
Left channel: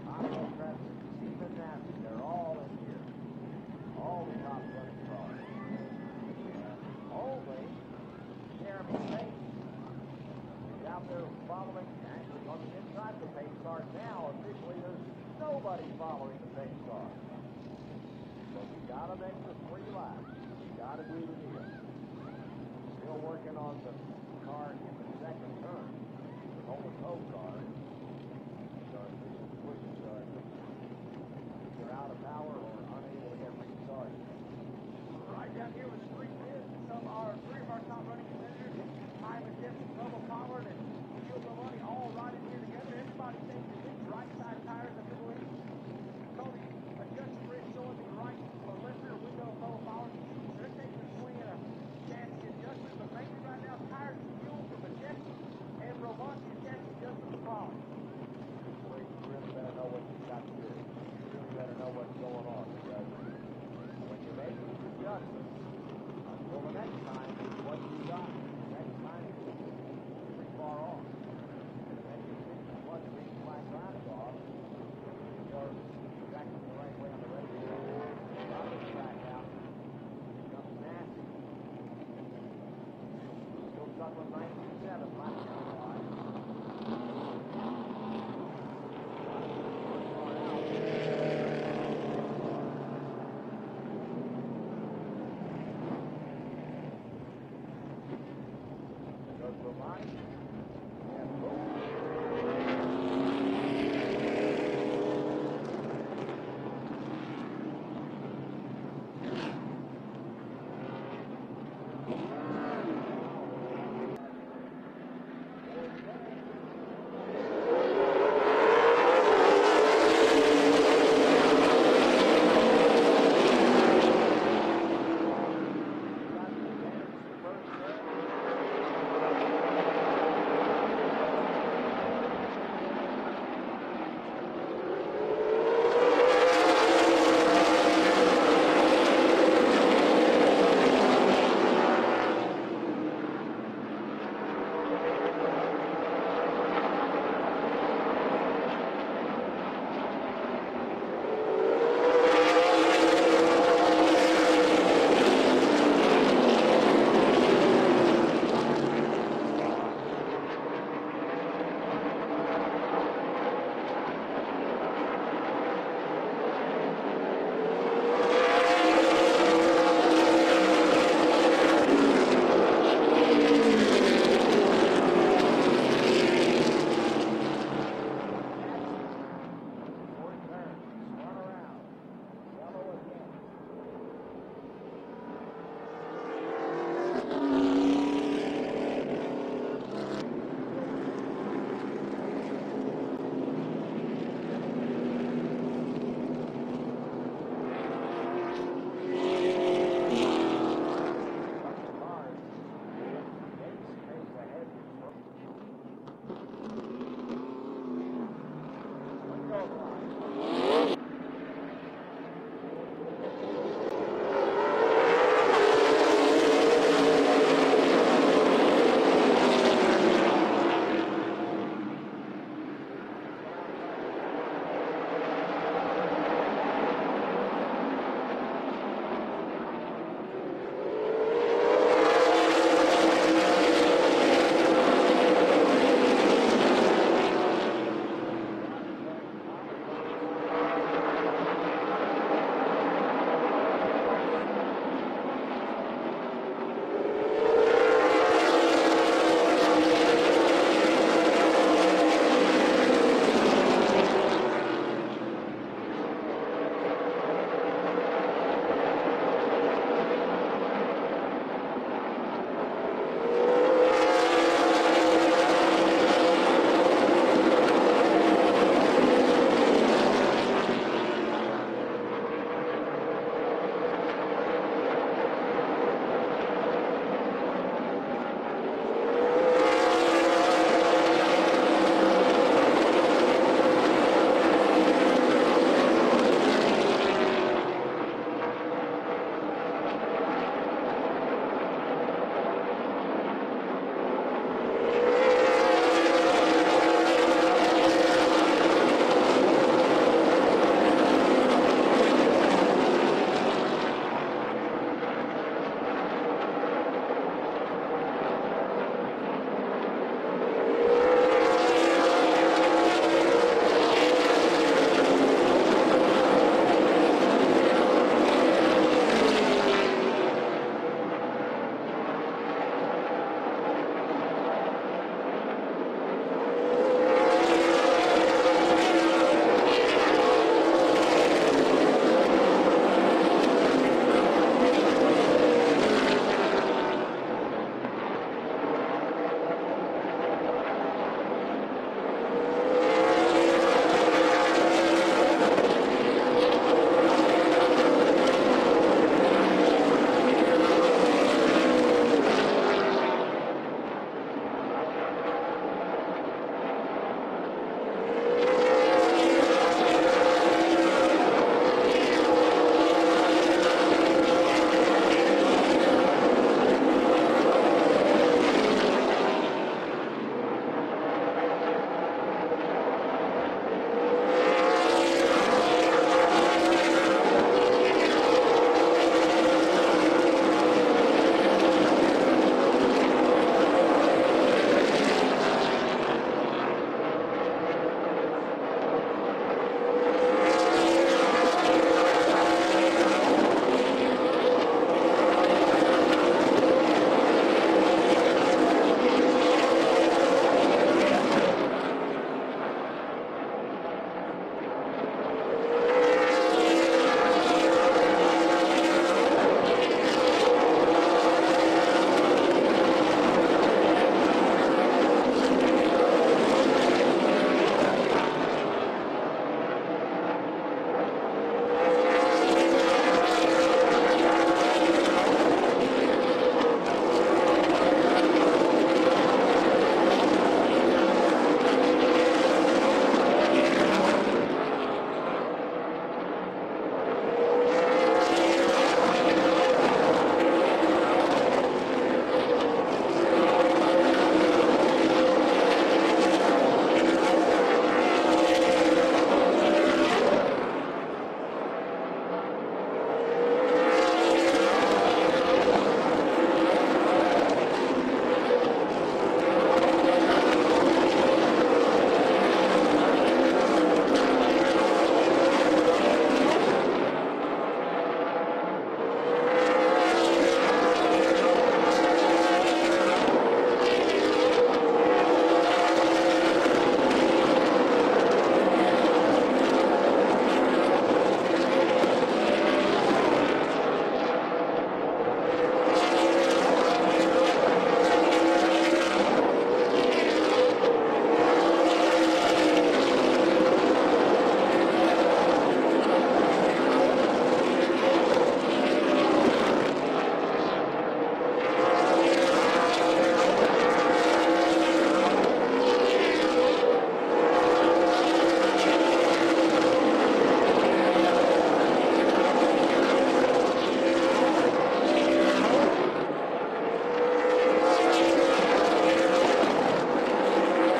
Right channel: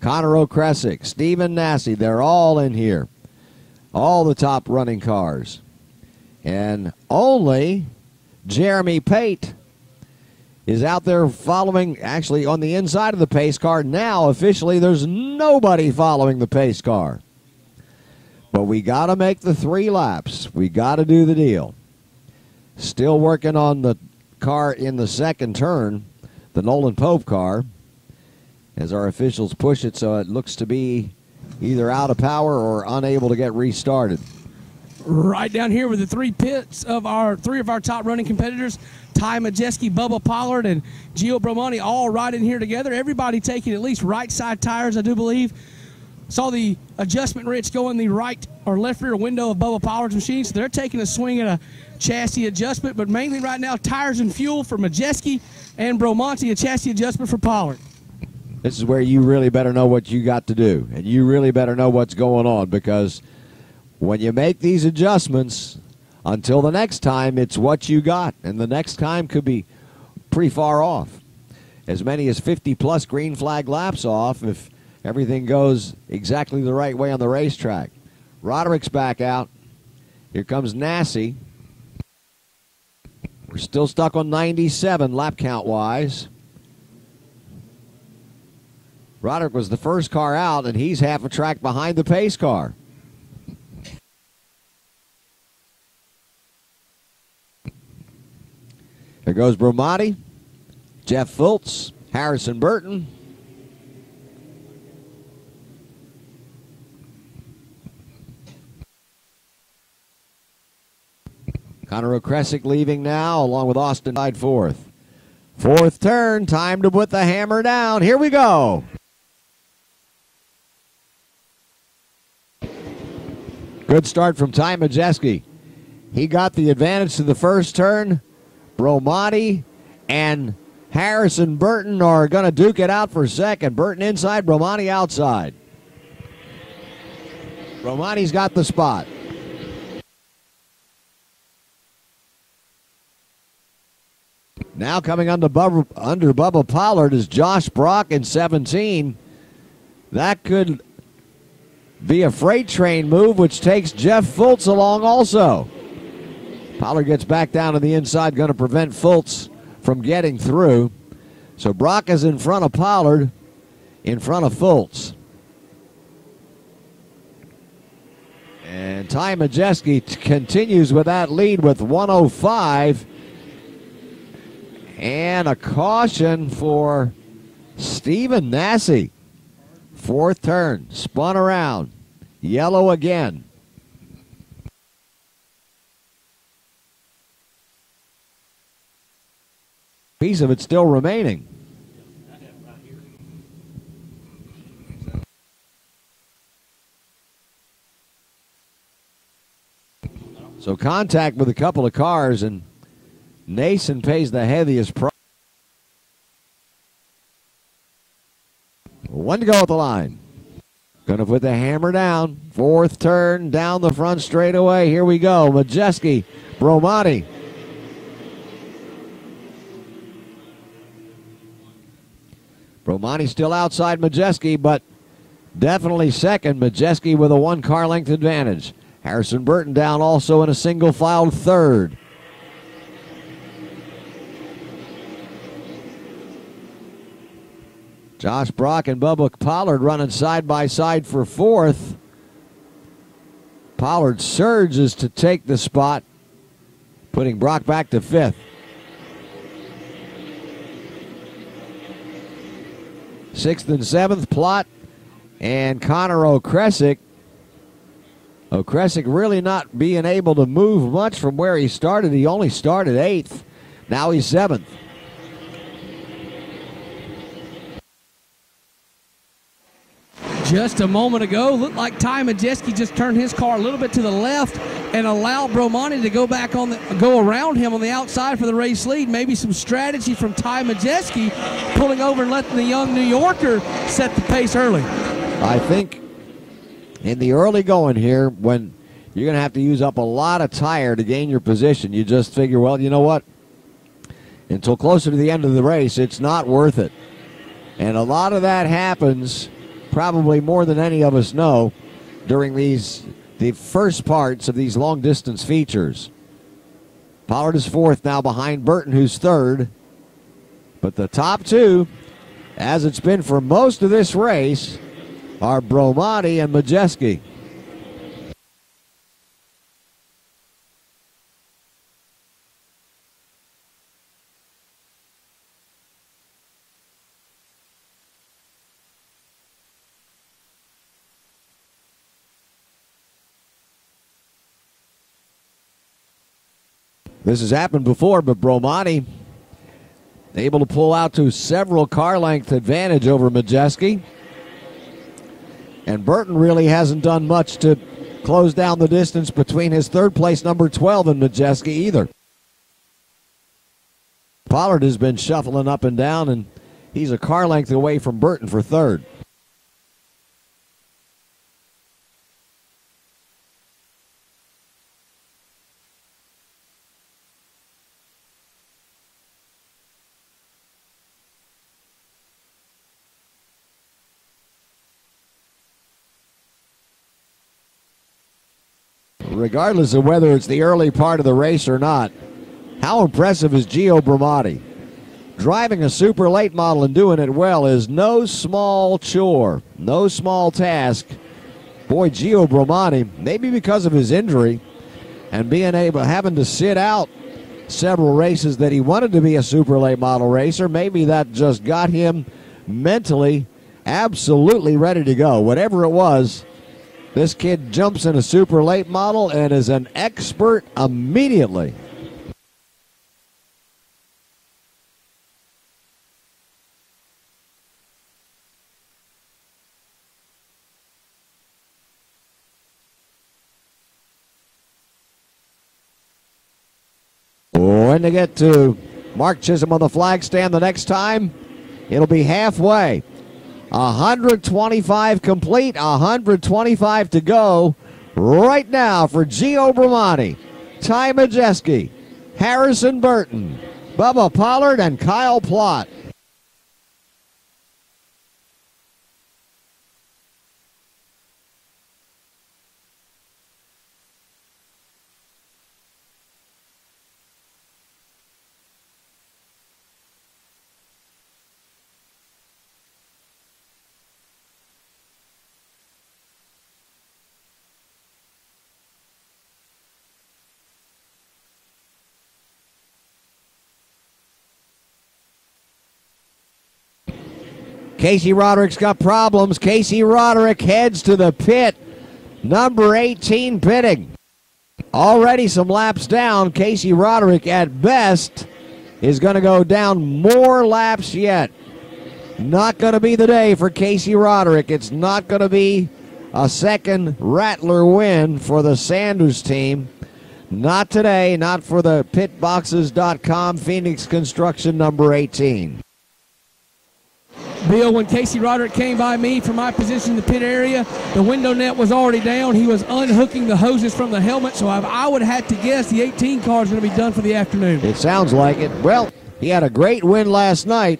Connor O'Kresick, Stephen Nasse. They're all in here. All the top running cars. And only Jeremy Pate is out there following, actually on the inside of the pace car. Now, officially, there's nobody following the pace car. But we got to make the 3 laps. We got to do the deal. Still working on the car in the second turn, the Nolan Pope car, as our officials push it, so it looks to be either out of power or unable to get restarted. Right down here with the 3 pits of our 3 of our top running competitors, Ty Majeski, Bubba Pollard, and Gio Bromonti, all right in here together. Everybody taking at least right side tires, I do believe. Saw the adjustment wrench go in the right or left rear window of Bubba Pollard's machine, so they're taking a swing at a chassis adjustment, but mainly right now tires and fuel for Majeski and Bromonti, a chassis adjustment for Pollard. This is where you really better know what you got to do, and you really better know what's going on, because when you make these adjustments, until the next time, it's what you got, and the next time could be pretty far off. As many as 50-plus green flag laps off if everything goes exactly the right way on the racetrack. Roderick's back out. Here comes Nasse. We're still stuck on 97 lap count-wise. Roderick was the first car out, and he's half a track behind the pace car. There goes Bromonti, Jeff Fultz, Harrison Burton. Connor O'Kresick leaving now, along with Austin Hyde fourth. Fourth turn, time to put the hammer down. Here we go. Good start from Ty Majeski. He got the advantage to the first turn. Bromonti and Harrison Burton are going to duke it out for second. Burton inside, Bromonti outside. Bromonti's got the spot. Now coming under Bubba Pollard is Josh Brock in 17. That could be a freight train move, which takes Jeff Fultz along also. Pollard gets back down to the inside, going to prevent Fultz from getting through. So Brock is in front of Pollard, in front of Fultz. And Ty Majeski continues with that lead with 105. And a caution for Stephen Nasse. Fourth turn, spun around, yellow again. Piece of it still remaining. So contact with a couple of cars, and Nason pays the heaviest price. One to go at the line. Gonna put the hammer down. Fourth turn, down the front straightaway. Here we go. Majeski, Bromonti. Bromonti still outside Majeski, but definitely second. Majeski with a 1 car length advantage. Harrison Burton down also in a single file third. Josh Brock and Bubba Pollard running side by side for fourth. Pollard surges to take the spot, putting Brock back to fifth. Sixth and seventh, Plott and Connor Okresick. Okresick really not being able to move much from where he started. He only started eighth. Now he's seventh. Just a moment ago, looked like Ty Majeski just turned his car a little bit to the left and allowed Bromani to go around him on the outside for the race lead. Maybe some strategy from Ty Majeski, pulling over and letting the young New Yorker set the pace early. I think in the early going here, when you're going to have to use up a lot of tire to gain your position, you just figure, well, you know what? Until closer to the end of the race, it's not worth it. And a lot of that happens, probably more than any of us know, during the first parts of these long distance features. Pollard is fourth now behind Burton, who's third. But the top two, as it's been for most of this race, are Bromani and Majeski. This has happened before, but Bromani able to pull out to several car length advantage over Majeski. And Burton really hasn't done much to close down the distance between his third place number 12 and Majeski either. Pollard has been shuffling up and down, and he's a car length away from Burton for third. Regardless of whether it's the early part of the race or not, how impressive is Gio Bromani? Driving a super late model and doing it well is no small chore, no small task. Boy, Gio Bromani, maybe because of his injury and having to sit out several races that he wanted to be a super late model racer, maybe that just got him mentally absolutely ready to go. Whatever it was, this kid jumps in a super late model and is an expert immediately. When they get to Mark Chisholm on the flag stand the next time, it'll be halfway. 125 complete, 125 to go right now for Gio Bromani, Ty Majeski, Harrison Burton, Bubba Pollard, and Kyle Plott. Casey Roderick's got problems. Casey Roderick heads to the pit. Number 18 pitting. Already some laps down. Casey Roderick at best is going to go down more laps yet. Not going to be the day for Casey Roderick. It's not going to be a second Rattler win for the Sanders team. Not today, not for the pitboxes.com Phoenix Construction number 18. Bill, when Casey Roderick came by me from my position in the pit area, the window net was already down. He was unhooking the hoses from the helmet, so I would have to guess the 18 car is going to be done for the afternoon. It sounds like it. Well, he had a great win last night,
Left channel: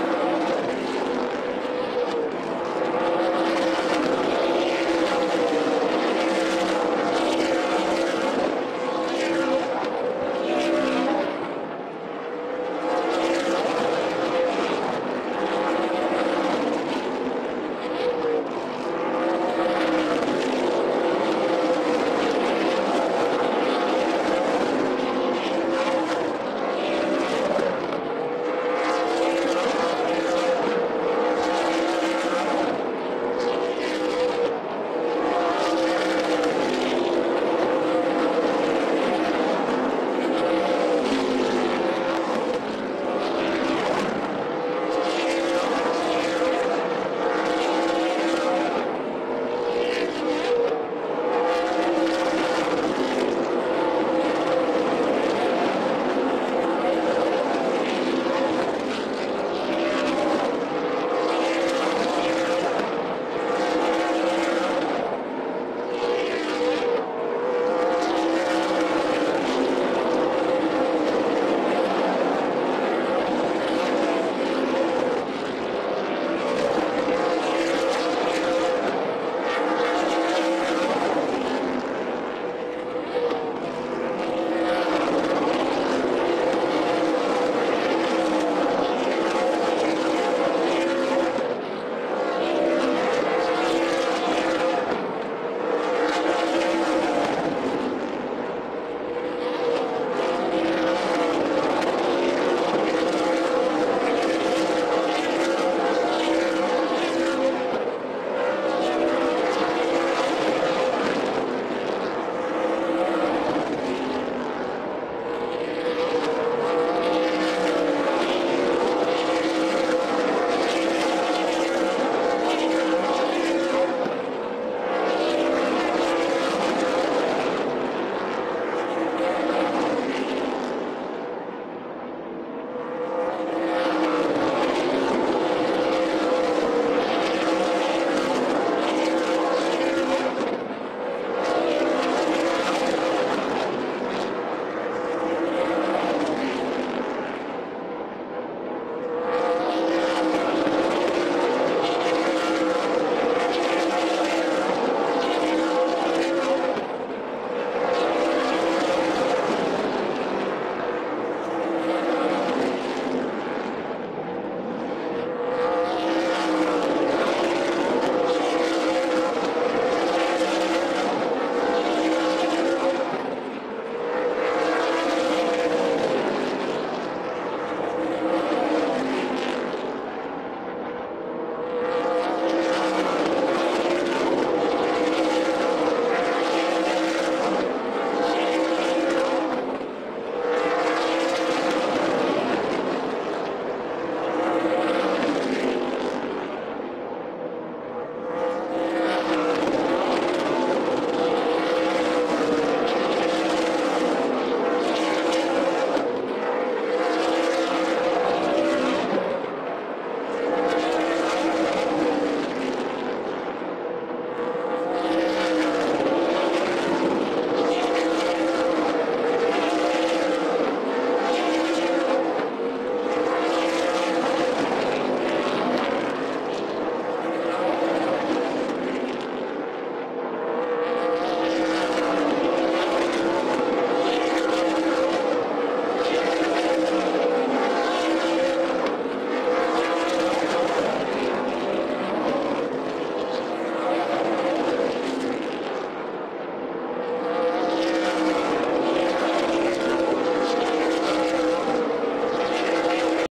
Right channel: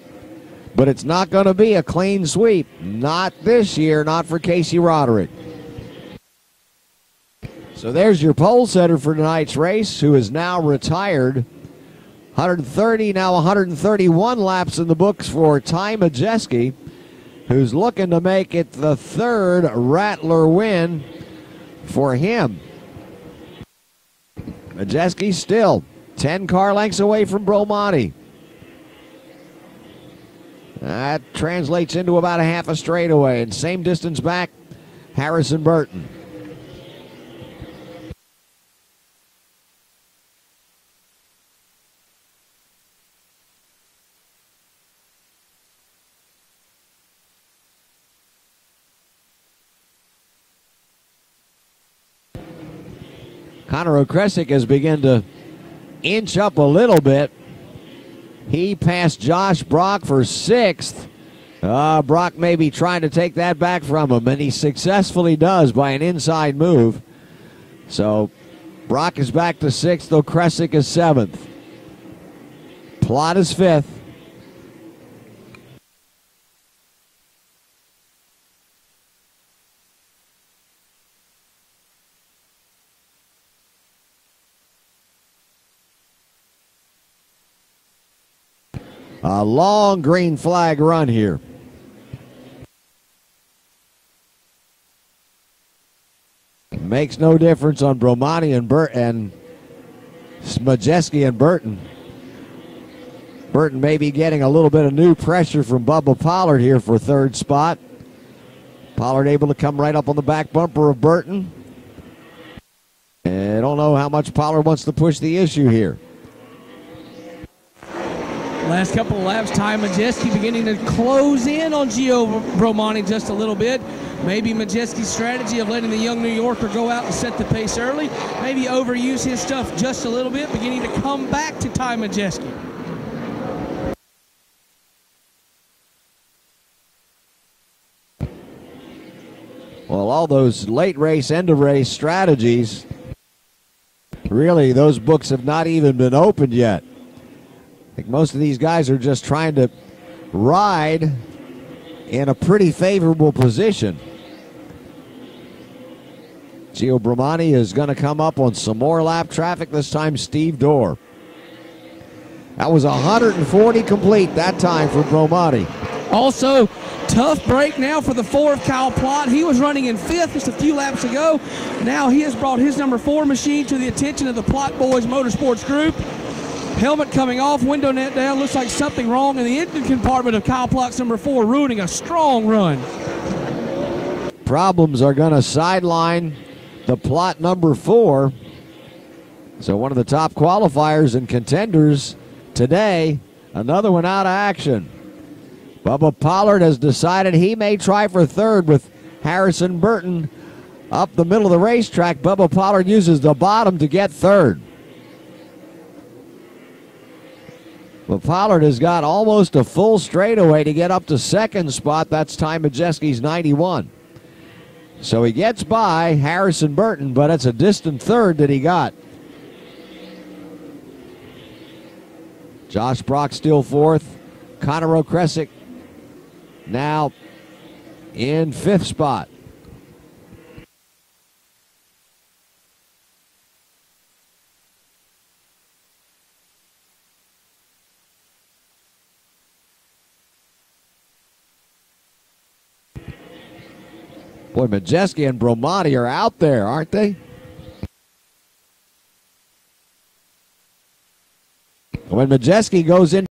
but it's not going to be a clean sweep. Not this year, not for Casey Roderick. And there's your pole setter for tonight's race, who is now retired. 130, now 131 laps in the books for Ty Majeski, who's looking to make it the third Rattler win for him. Majeski still 10 car lengths away from Bromati. That translates into about a half a straightaway, and same distance back, Harrison Burton. Conor O'Kresick has begun to inch up a little bit. He passed Josh Brock for 6th. Brock may be trying to take that back from him, and he successfully does by an inside move. So Brock is back to 6th, O'Kresick is 7th. Plot is 5th. A long green flag run here. Makes no difference on Bromati and Majeski and Burton. Burton may be getting a little bit of new pressure from Bubba Pollard here for 3rd spot. Pollard able to come right up on the back bumper of Burton. And I don't know how much Pollard wants to push the issue here. Last couple of laps, Ty Majeski beginning to close in on Gio Bromati just a little bit. Maybe Majeski's strategy of letting the young New Yorker go out and set the pace early, maybe overuse his stuff just a little bit, beginning to come back to Ty Majeski. Well, all those late race, end of race strategies, really those books have not even been opened yet. I think most of these guys are just trying to ride in a pretty favorable position. Gio Bromati is going to come up on some more lap traffic, this time Steve Dorr. That was 140 complete that time for Bromati. Also, tough break now for the 4 of Kyle Plott. He was running in 5th just a few laps ago. Now he has brought his number 4 machine to the attention of the Plott Boys Motorsports Group. Helmet coming off, window net down. Looks like something wrong in the engine compartment of Kyle Plott's number 4, ruining a strong run. Problems are going to sideline the Plott number 4. So one of the top qualifiers and contenders today, another one out of action. Bubba Pollard has decided he may try for 3rd with Harrison Burton up the middle of the racetrack. Bubba Pollard uses the bottom to get 3rd. But Pollard has got almost a full straightaway to get up to 2nd spot. That's Ty Majeski's 91. So he gets by Harrison Burton, but it's a distant 3rd that he got. Josh Brock still 4th. Conor O'Kresick now in 5th spot. Boy, Majeski and Bromati are out there, aren't they? When Majeski goes in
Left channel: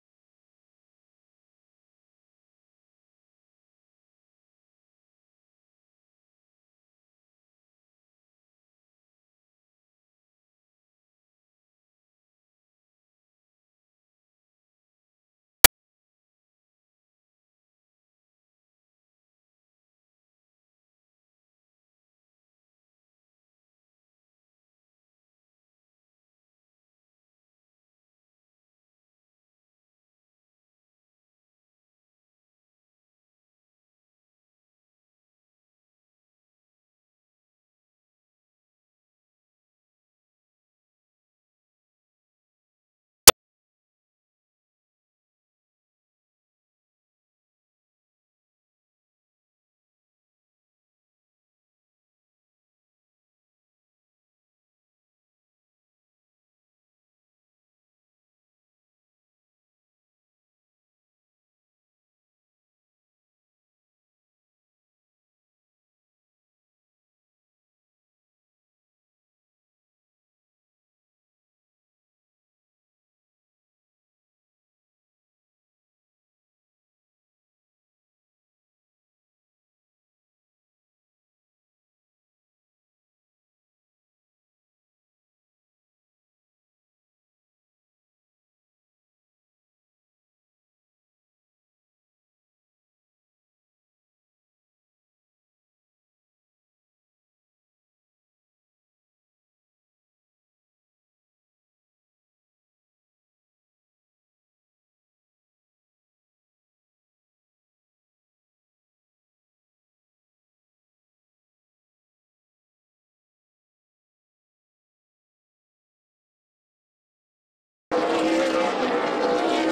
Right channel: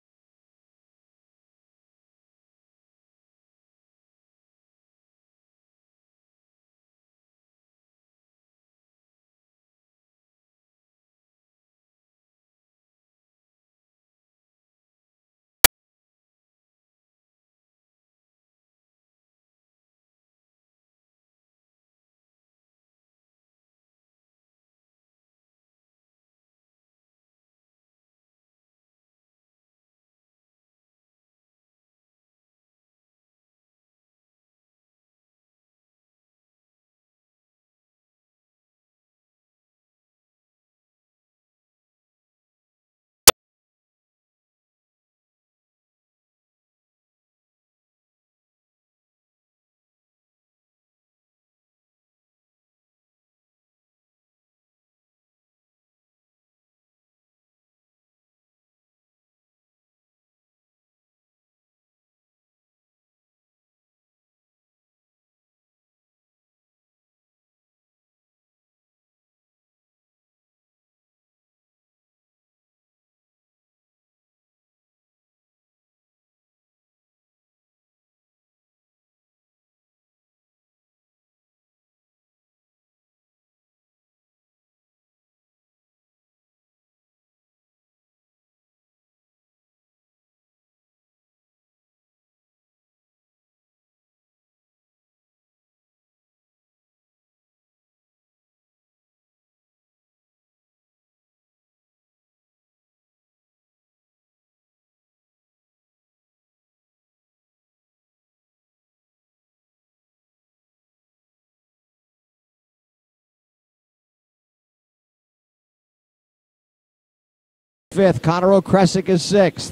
5th. Connor O'Kresick is 6th.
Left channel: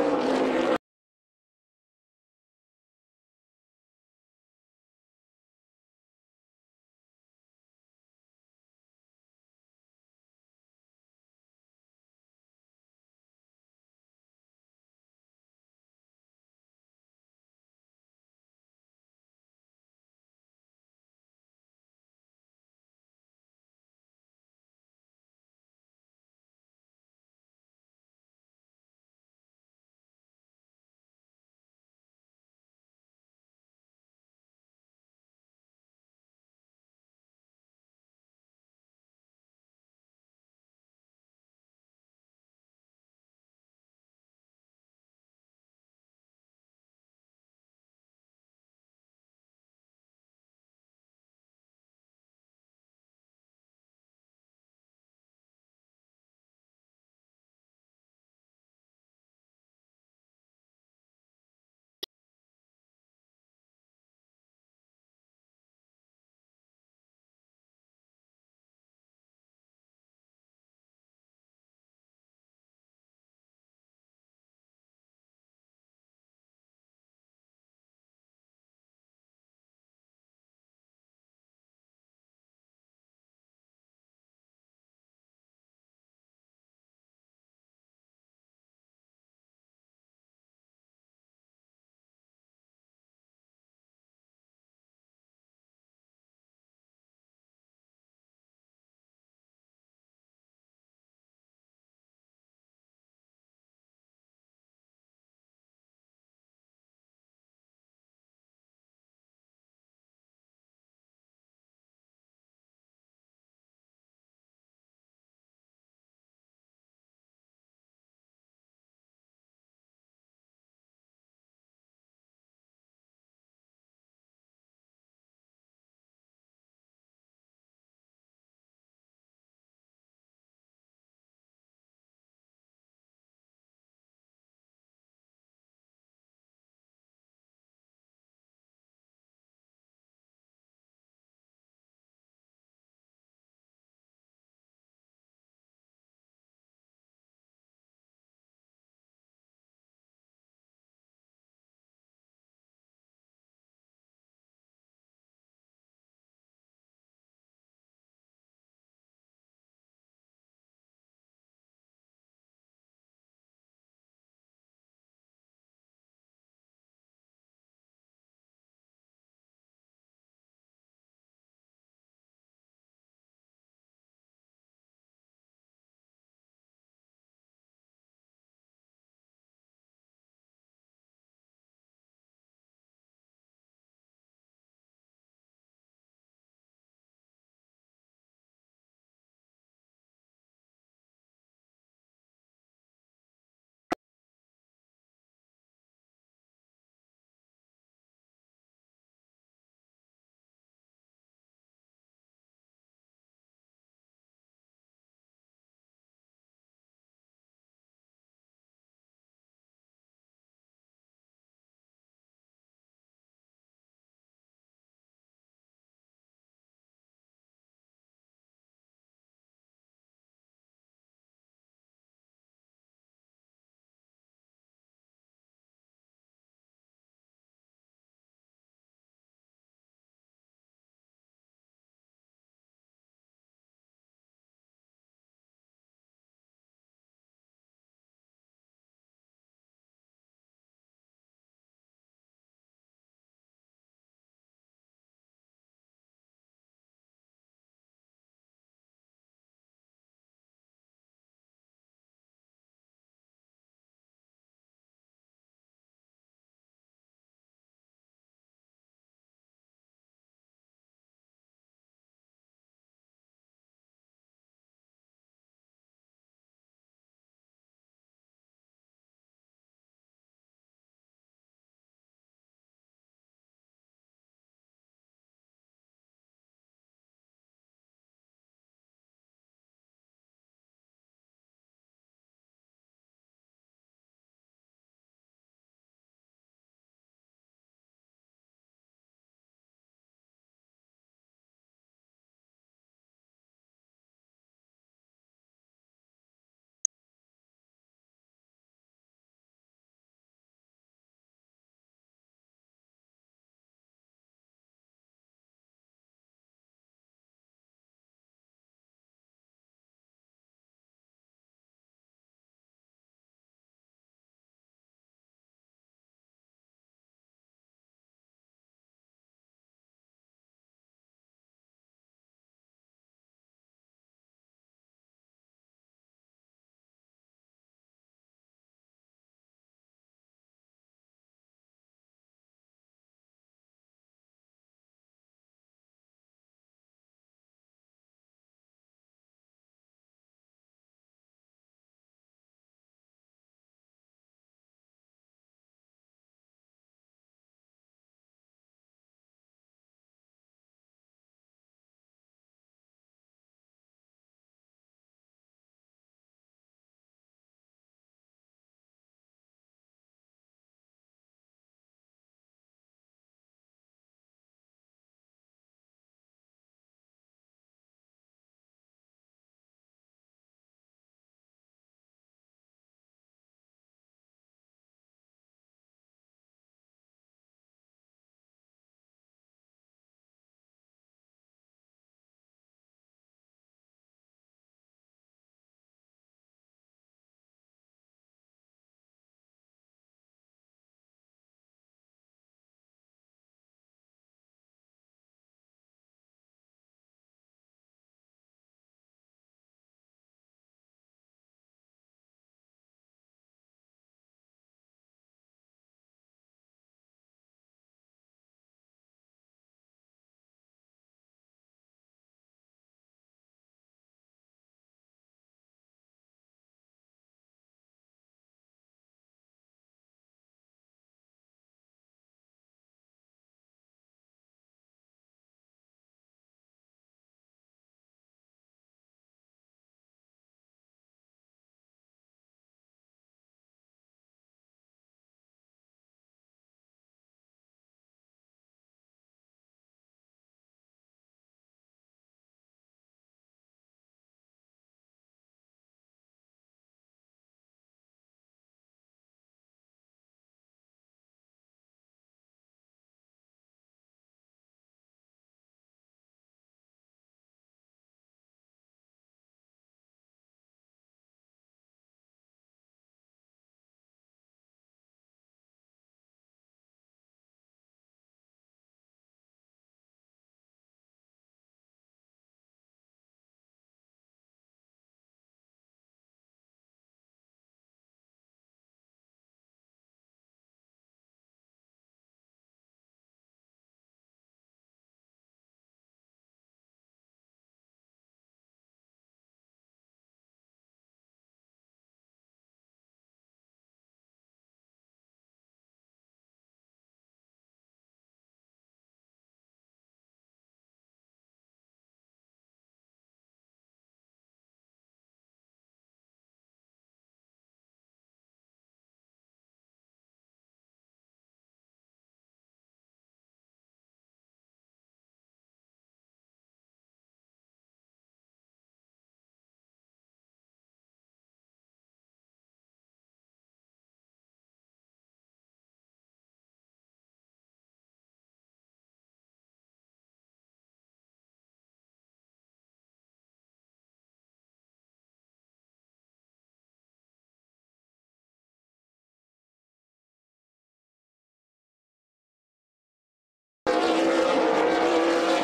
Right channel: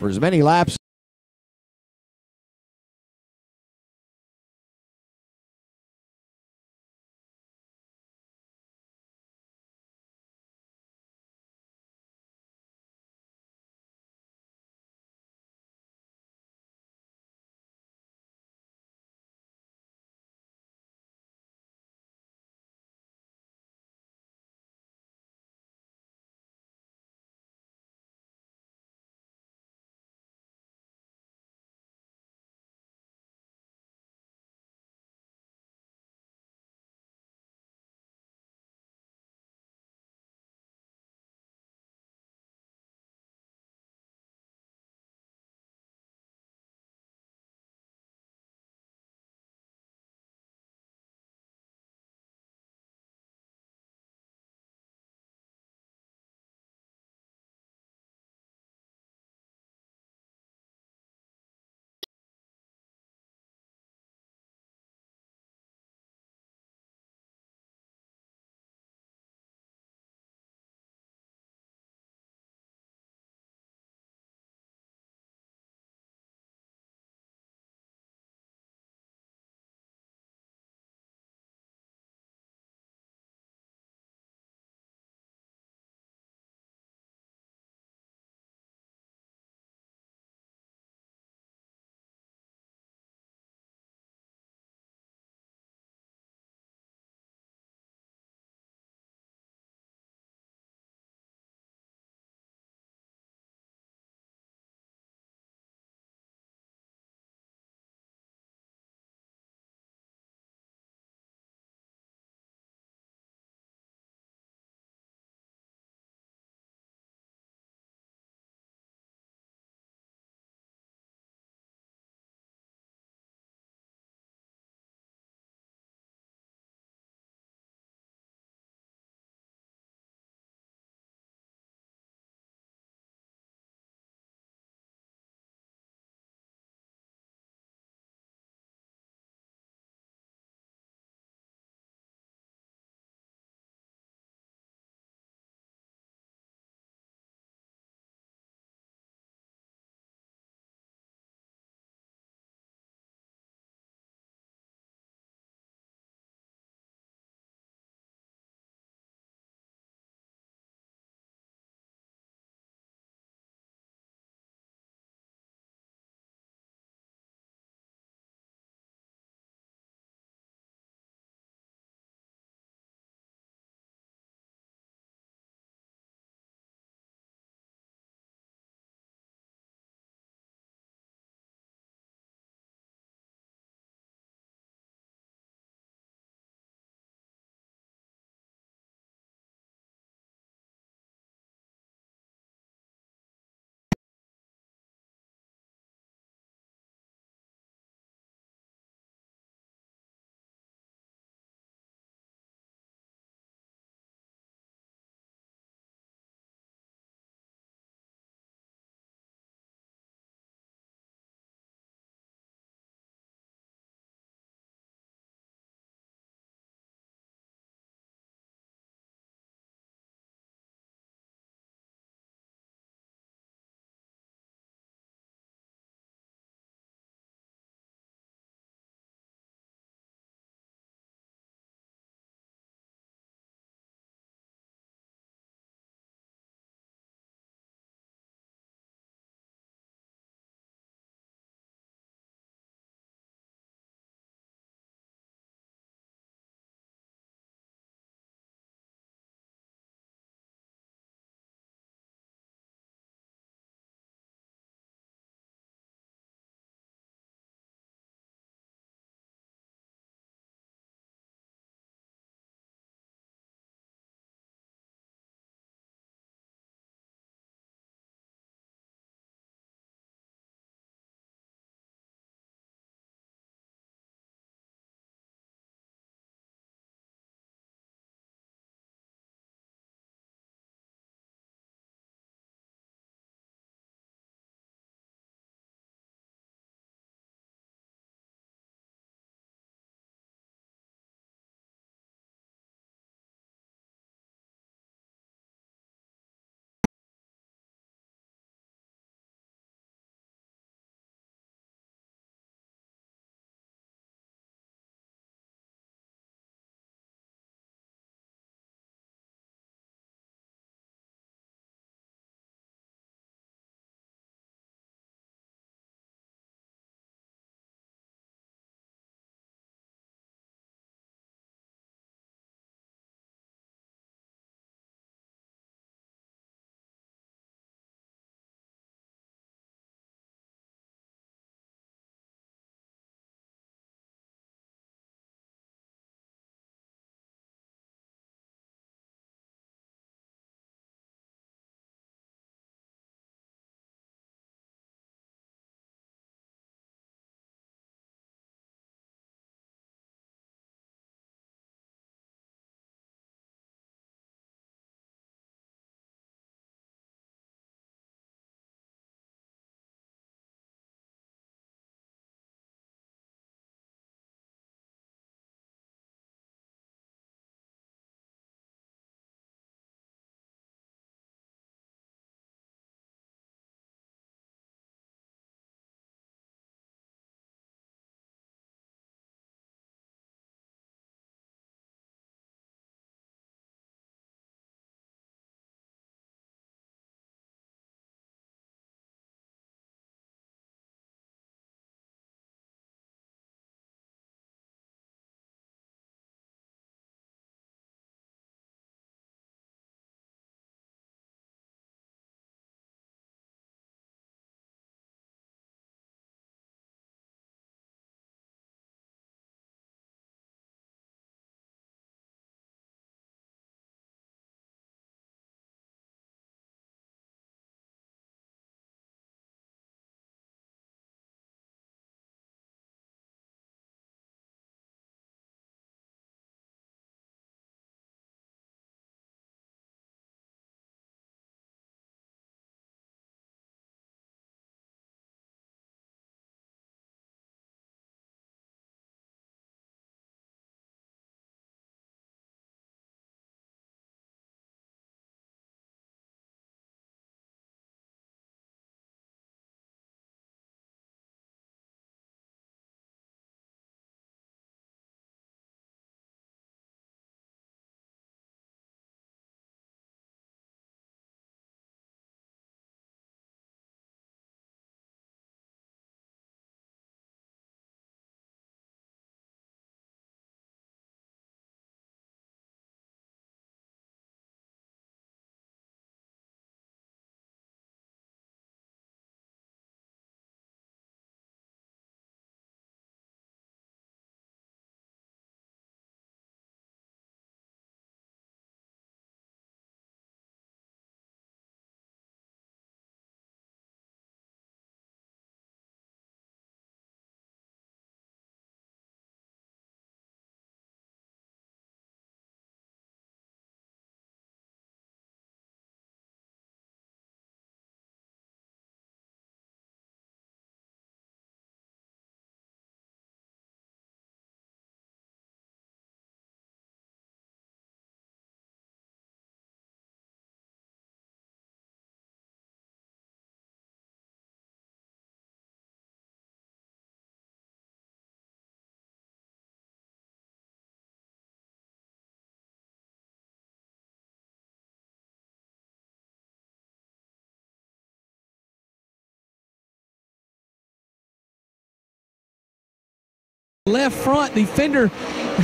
For as many laps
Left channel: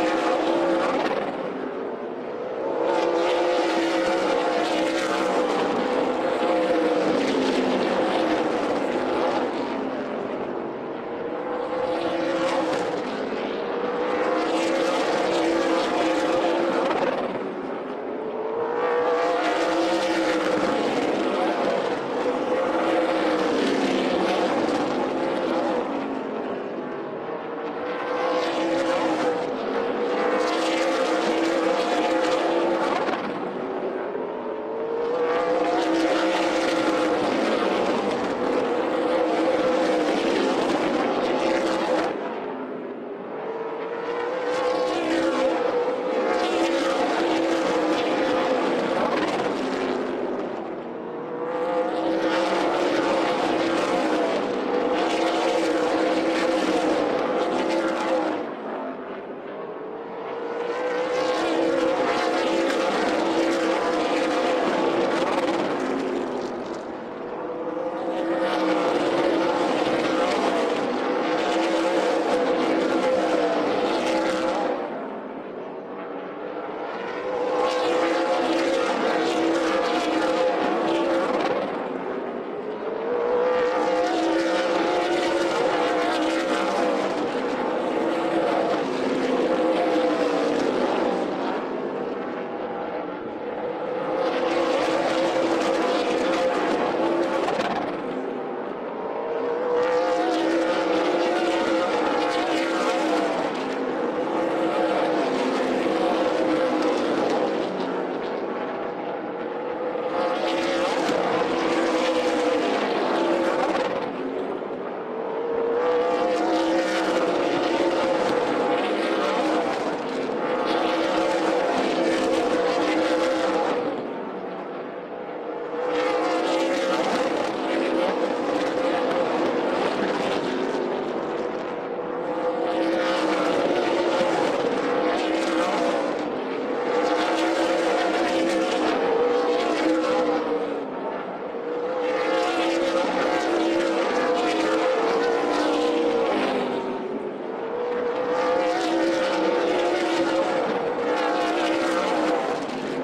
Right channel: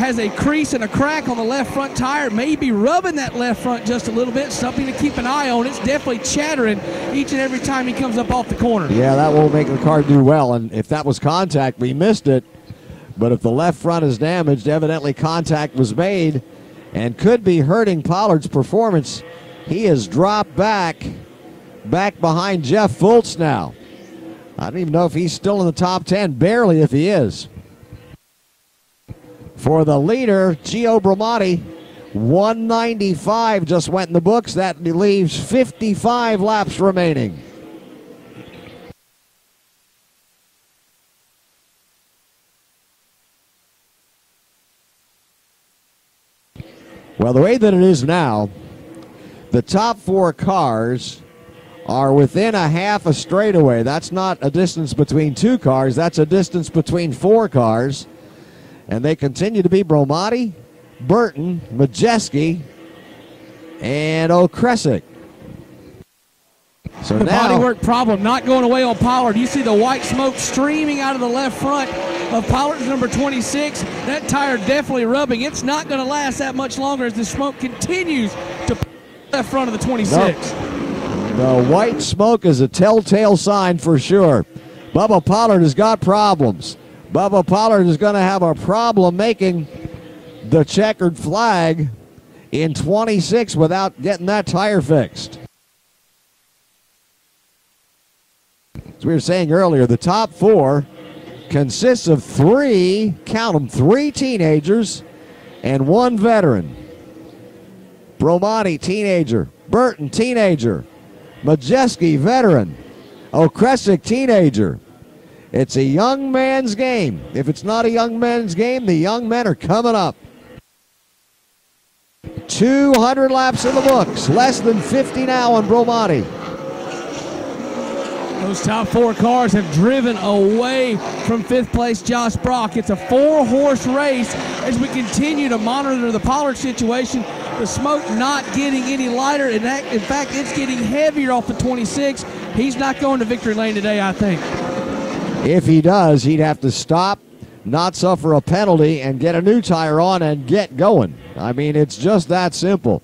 has a crease and a crack on the left front tire. Maybe rubbing that left front just a little bit. Something to keep an eye on. It's definitely chattering each and every time he comes up off the corner. Yeah, that won't make the car do well. And if that was contact, we missed it. But if the left front is damaged, evidently contact was made and could be hurting Pollard's performance. He has dropped back behind Jeff Fultz now. I don't even know if he's still in the top 10, barely if he is. For the leader, Gio Bramati, 195 just went in the books. That leaves 55 laps remaining. Well, the way that it is now, the top 4 cars are within a half a straightaway. That's not a distance between 2 cars. That's a distance between 4 cars. And they continue to be Bramati, Burton, Majeski, and O'Kresick. So the now, bodywork problem not going away on Pollard. You see the white smoke streaming out of the left front of Pollard's number 26. That tire definitely rubbing. It's not going to last that much longer as the smoke continues to left front of the 26. The white smoke is a telltale sign for sure. Bubba Pollard has got problems. Bubba Pollard is going to have a problem making the checkered flag in 26 without getting that tire fixed. As we were saying earlier, the top 4 consists of 3, count them, 3 teenagers and 1 veteran. Bramati, teenager. Burton, teenager. Majeski, veteran. O'Kresick, teenager. It's a young man's game. If it's not a young man's game, the young men are coming up. 200 laps in the books. Less than 50 now on Bramati. Those top 4 cars have driven away from 5th place Josh Brock. It's a 4-horse race as we continue to monitor the Pollard situation. The smoke not getting any lighter, and that, in fact, it's getting heavier off the 26. He's not going to victory lane today, I think. If he does, he'd have to stop, not suffer a penalty, and get a new tire on and get going. I mean, it's just that simple.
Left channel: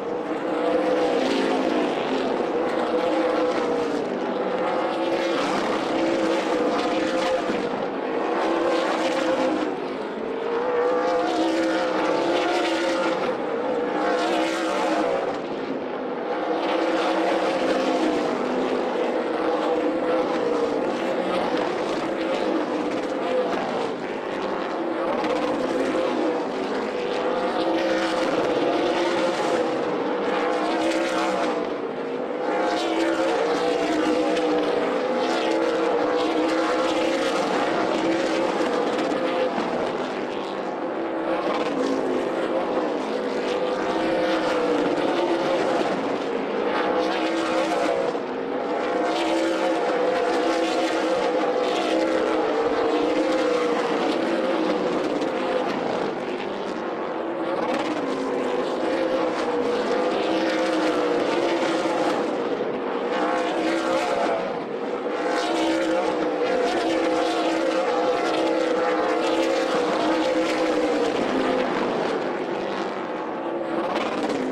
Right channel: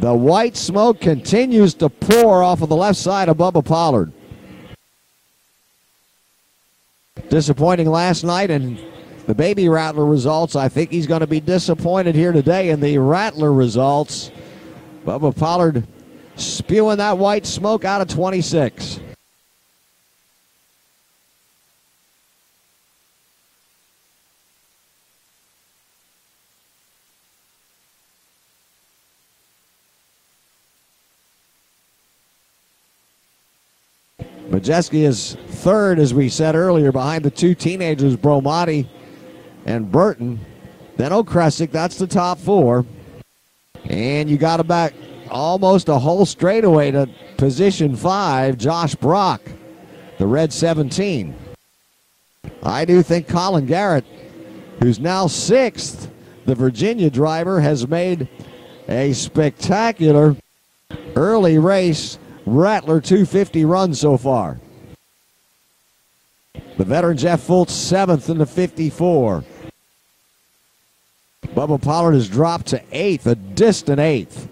The white smoke continues to pour off of the left side of Bubba Pollard. Disappointing last night in the Baby Rattler results. I think he's going to be disappointed here today in the Rattler results. Bubba Pollard spewing that white smoke out of 26. Majeski is 3rd, as we said earlier, behind the 2 teenagers, Bramati and Burton. Then O'Kresick, that's the top 4. And you got him back almost a whole straightaway to position 5, Josh Brock, the red 17. I do think Colin Garrett, who's now 6th, the Virginia driver, has made a spectacular early race Rattler 250 run so far. The veteran Jeff Fultz 7th in the 54. Bubba Pollard has dropped to 8th, a distant 8th.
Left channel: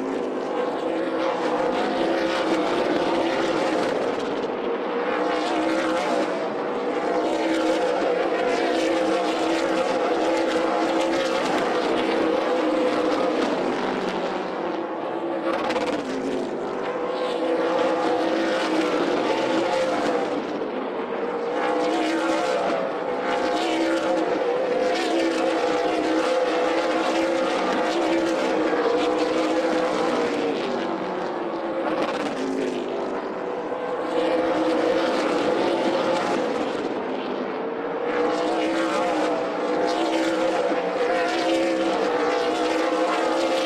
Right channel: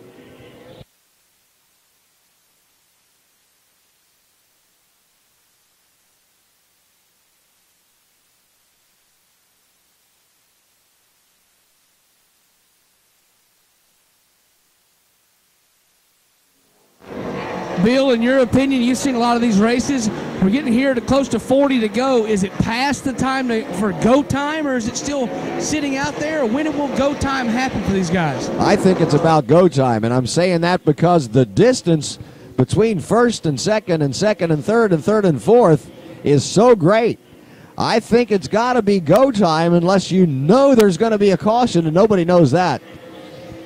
Bill, in your opinion, you've seen a lot of these races. We're getting here to close to 40 to go. Is it past the time for go time, or is it still sitting out there? When will go time happen for these guys? I think it's about go time, and I'm saying that because the distance between 1st and 2nd and 2nd and 3rd and 3rd and 4th is so great. I think it's got to be go time unless you know there's going to be a caution, and nobody knows that.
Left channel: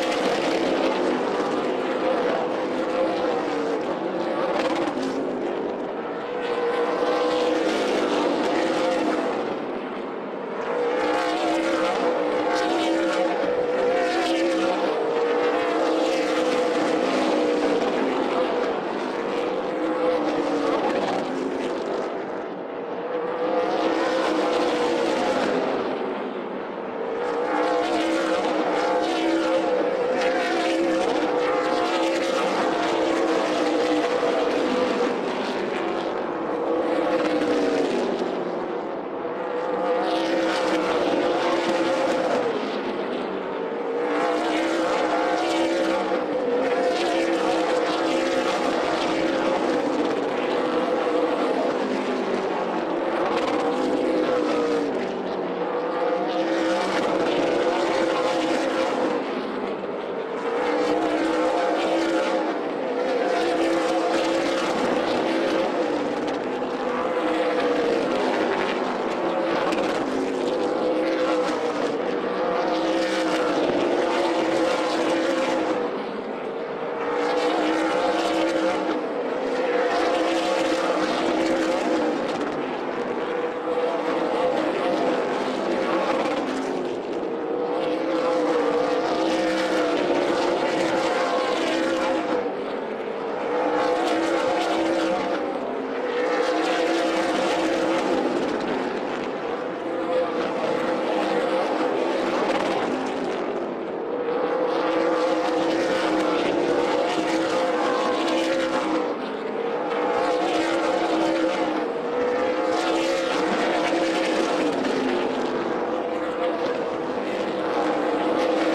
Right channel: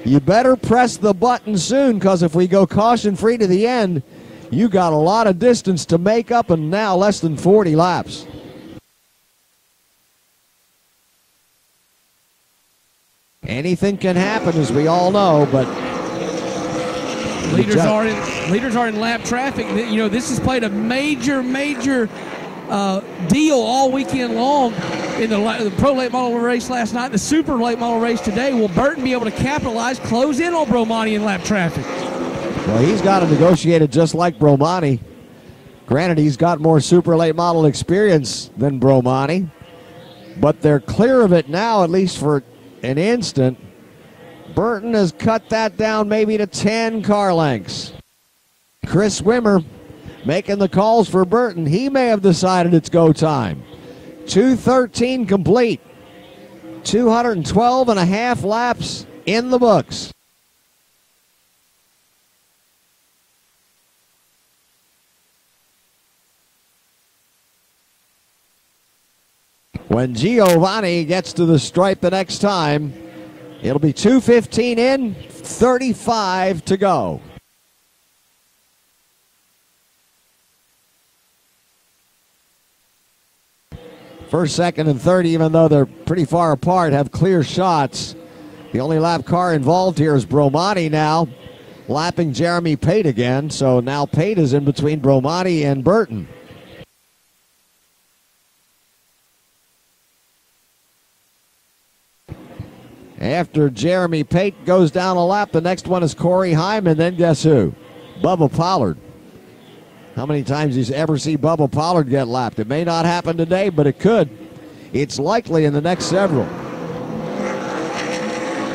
You better press the button soon, because if we go caution-free to the end, you got a lot of distance to make up, and now less than 40 laps. Anything can happen, as we all know, but leaders are in lap traffic. You know, this has played a major deal all week weekend long in the pro late model race last night, the super late model race today. Will Burton be able to capitalize, close in on Bromani in lap traffic? Well, he's got to negotiate it just like Bromani. Granted, he's got more super late model experience than Bromani, but they're clear of it now, at least for an instant. Burton has cut that down maybe to 10 car lengths. Chris Wimmer making the calls for Burton. He may have decided it's go time. 2:13 complete. 212 and a half laps in the books. When Giovanni gets to the stripe the next time, it'll be 2:15 in, 35 to go. First, second, and third, even though they're pretty far apart, have clear shots. The only lap car involved here is Bromani now, lapping Jeremy Pate again. So now Pate is in between Bromani and Burton. After Jeremy Pate goes down a lap, the next one is Corey Hyman. Then guess who? Bubba Pollard. How many times do you ever see Bubba Pollard get lapped? It may not happen today, but it could. It's likely in the next several.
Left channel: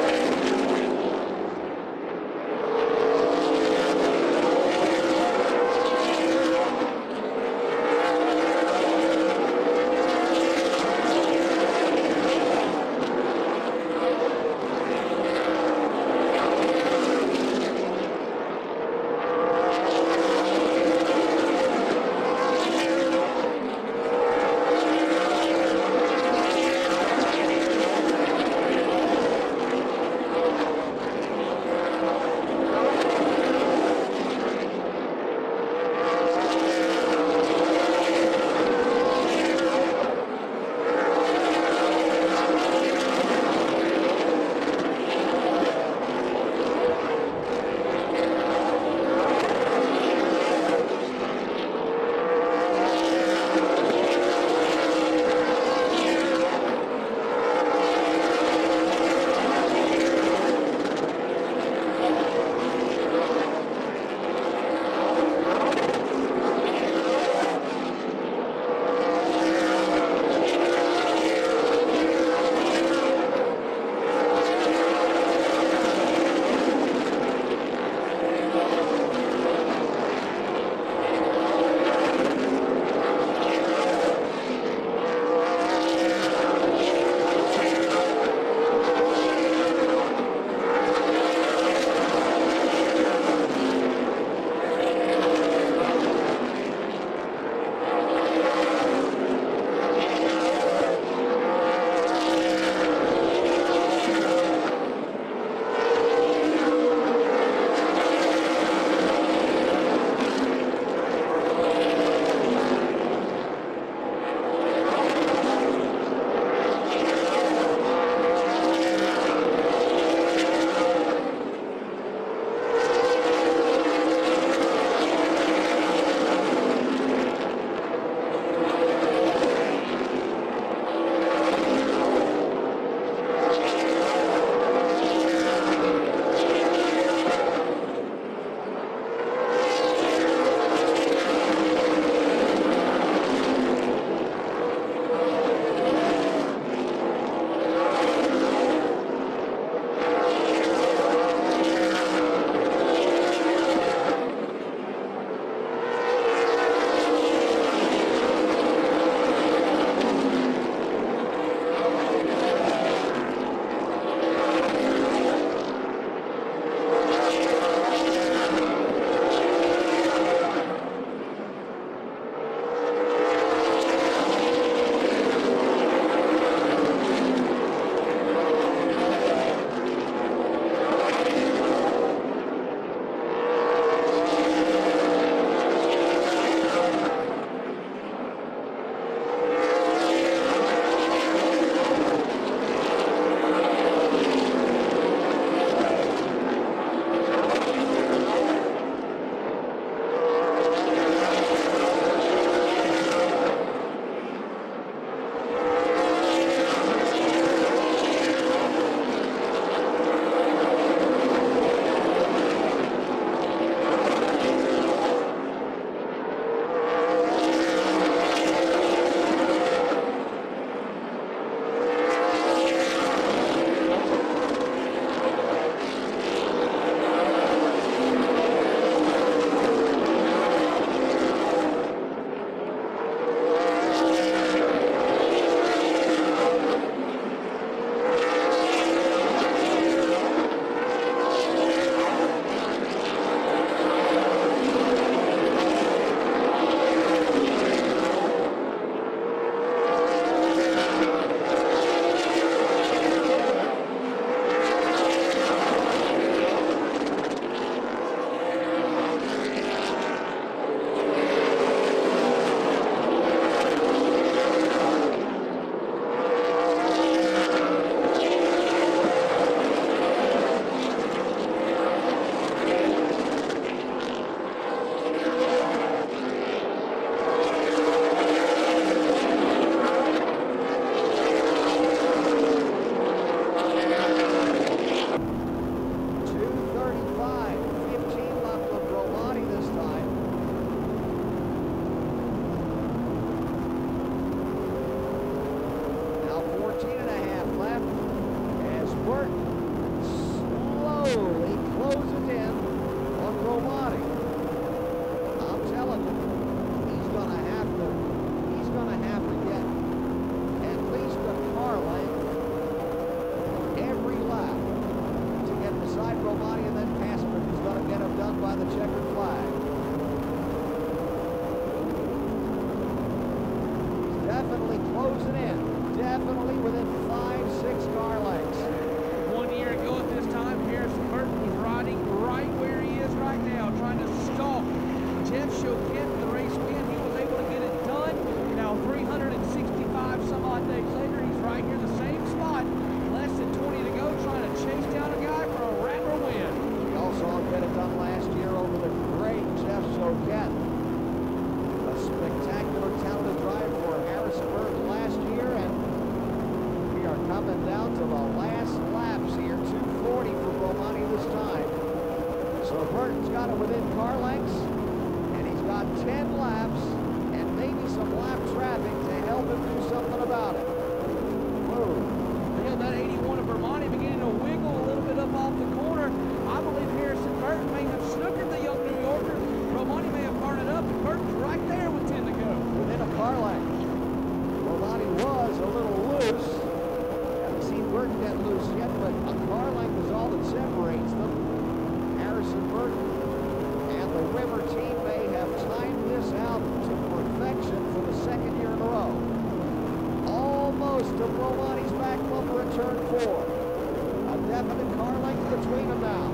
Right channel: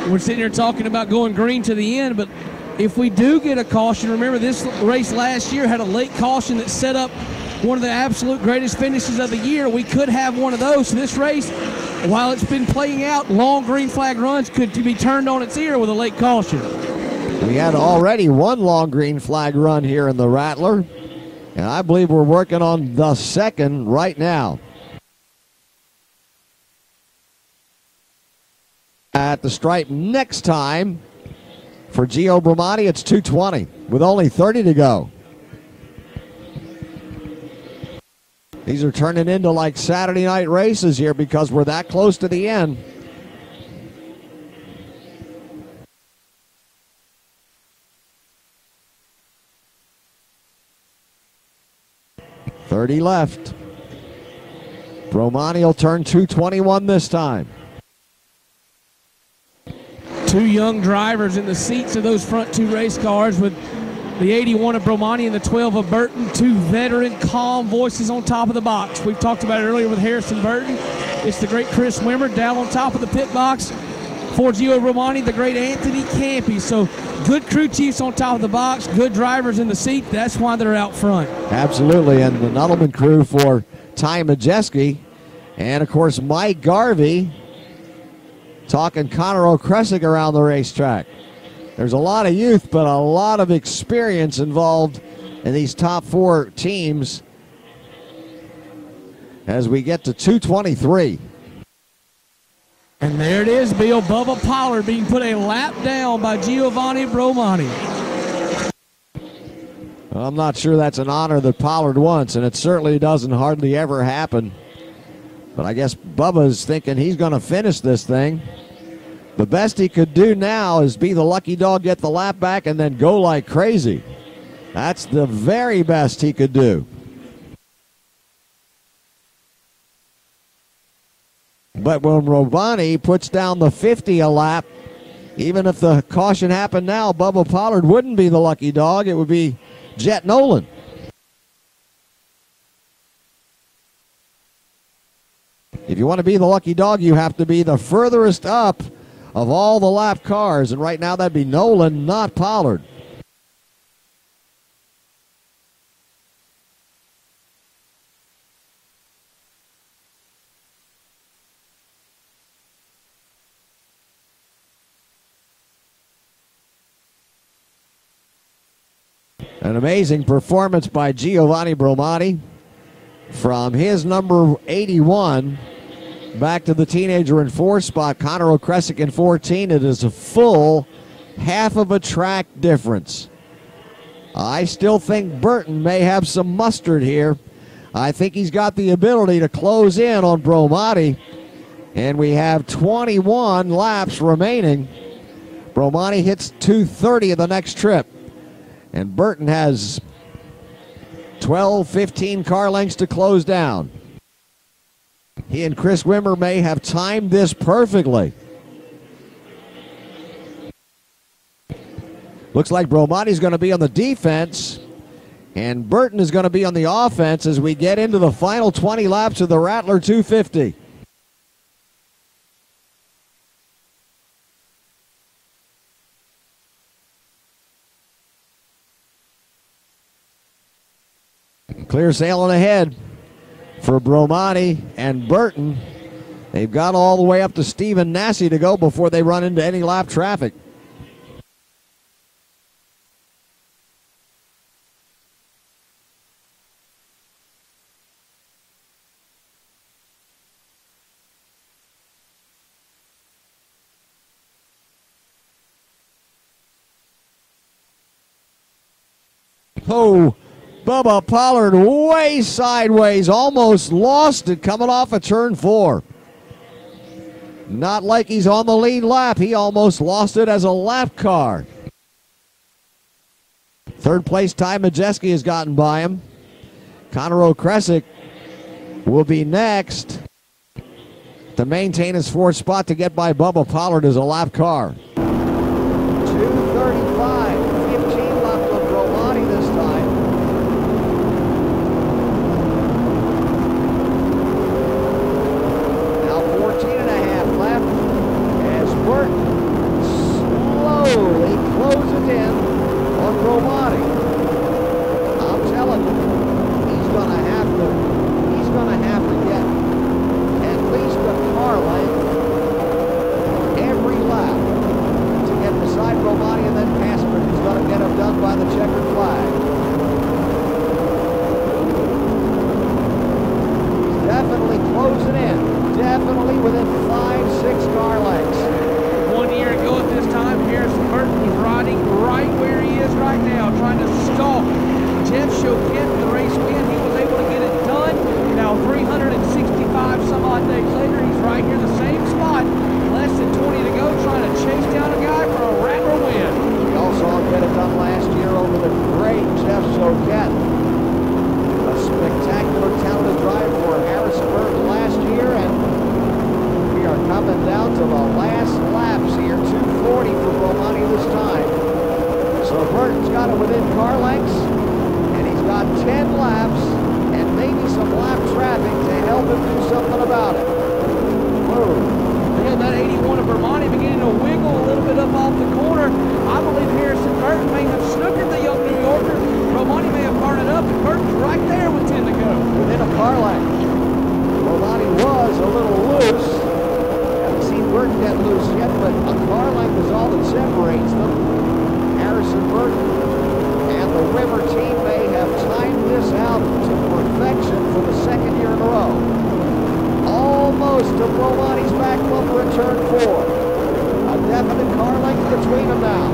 We're sitting here talking about going green to the end, but if we do get a caution, remember this race last year had a late caution that set up one of the absolute greatest finishes of the year. We could have one of those. So this race, while it's been playing out, long green flag runs could be turned on its ear with a late caution. We had already one long green flag run here in the Rattler, and I believe we're working on the second right now. At the stripe next time for Gio Bromani, it's 2:20 with only 30 to go. These are turning into like Saturday night races here because we're that close to the end. .30 left. Bromani will turn 2:21 this time. Two young drivers in the seats of those front two race cars with the 81 of Bromani and the 12 of Burton. Two veteran, calm voices on top of the box. We've talked about it earlier with Harrison Burton. It's the great Chris Wimmer down on top of the pit box. For Gio Bromani, the great Anthony Campy. So good crew chiefs on top of the box, good drivers in the seat. That's why they're out front. Absolutely, and the Nuttleman crew for Ty Majeski. And, of course, Mike Garvey talking Conor O'Kresick around the racetrack. There's a lot of youth, but a lot of experience involved in these top four teams as we get to 2:23. And there it is, Bill. Bubba Pollard being put a lap down by Giovanni Bromani. Well, I'm not sure that's an honor that Pollard wants, and it certainly doesn't hardly ever happen. But I guess Bubba's thinking he's going to finish this thing. The best he could do now is be the lucky dog, get the lap back, and then go like crazy. That's the very best he could do. But when Bromani puts down the 50 a lap, even if the caution happened now, Bubba Pollard wouldn't be the lucky dog. It would be Jet Nolan. If you want to be the lucky dog, you have to be the furthest up of all the lap cars. And right now that'd be Nolan, not Pollard. An amazing performance by Giovanni Bromani from his number 81 back to the teenager in 4 spot, Conor O'Kresick in 14. It is a full half of a track difference. I still think Burton may have some mustard here. I think he's got the ability to close in on Bromani, and we have 21 laps remaining. Bromani hits 2:30 of the next trip, and Burton has 12, 15 car lengths to close down. He and Chris Wimmer may have timed this perfectly. Looks like Bromati's going to be on the defense, and Burton is going to be on the offense as we get into the final 20 laps of the Rattler 250. Clear sailing ahead for Bromati and Burton. They've got all the way up to Stephen Nasse to go before they run into any lap traffic. Oh, Bubba Pollard way sideways, almost lost it coming off of turn 4. Not like he's on the lead lap, he almost lost it as a lap car. Third place Ty Majeski has gotten by him. Connor O'Kresick will be next to maintain his 4th spot to get by Bubba Pollard as a lap car. 2:35, 15 left on Bromati this time. Now 14 and a half left as Burton slowly closes in on Bromati. I'm telling you, he's gonna have to get at least a car length every lap to get beside Bromati and then Casper, who's gonna get him done by the checkered flag. He's definitely closing in, definitely within 5-6 car lengths. 1 year ago at this time, Harrison Burton was riding right where he is right now, trying to stalk Jeff Choquette for the race win. He was able to get it done. Now 365 some odd days later, he's right here in the same spot. Less than 20 to go, trying to chase down a guy for a Rattler win. We also get it done last year over the great Jeff Choquette. A spectacular, talented drive for Harrison Burton last year, and we are coming down to the last laps here. 2:40 for Bromati this time. So Burton's got it within car lengths, and he's got 10 laps and maybe some lap traffic to help him do something about it. Whoa. Yeah, that 81 of Bromati beginning to wiggle a little bit up off the corner. I believe Harrison Burton may have snookered the young New Yorker. Bromati may have burned it up, and Burton's right there with 10 to go. Within a car length. Bromati was a little loose. Haven't seen Burton get loose yet, but a car length is all that separates them. Harrison Burton and the Wimmer team may have timed this out to perfection for the 2nd year in a row. Almost to Bromati's back bumper in turn 4. A definite car length between them now.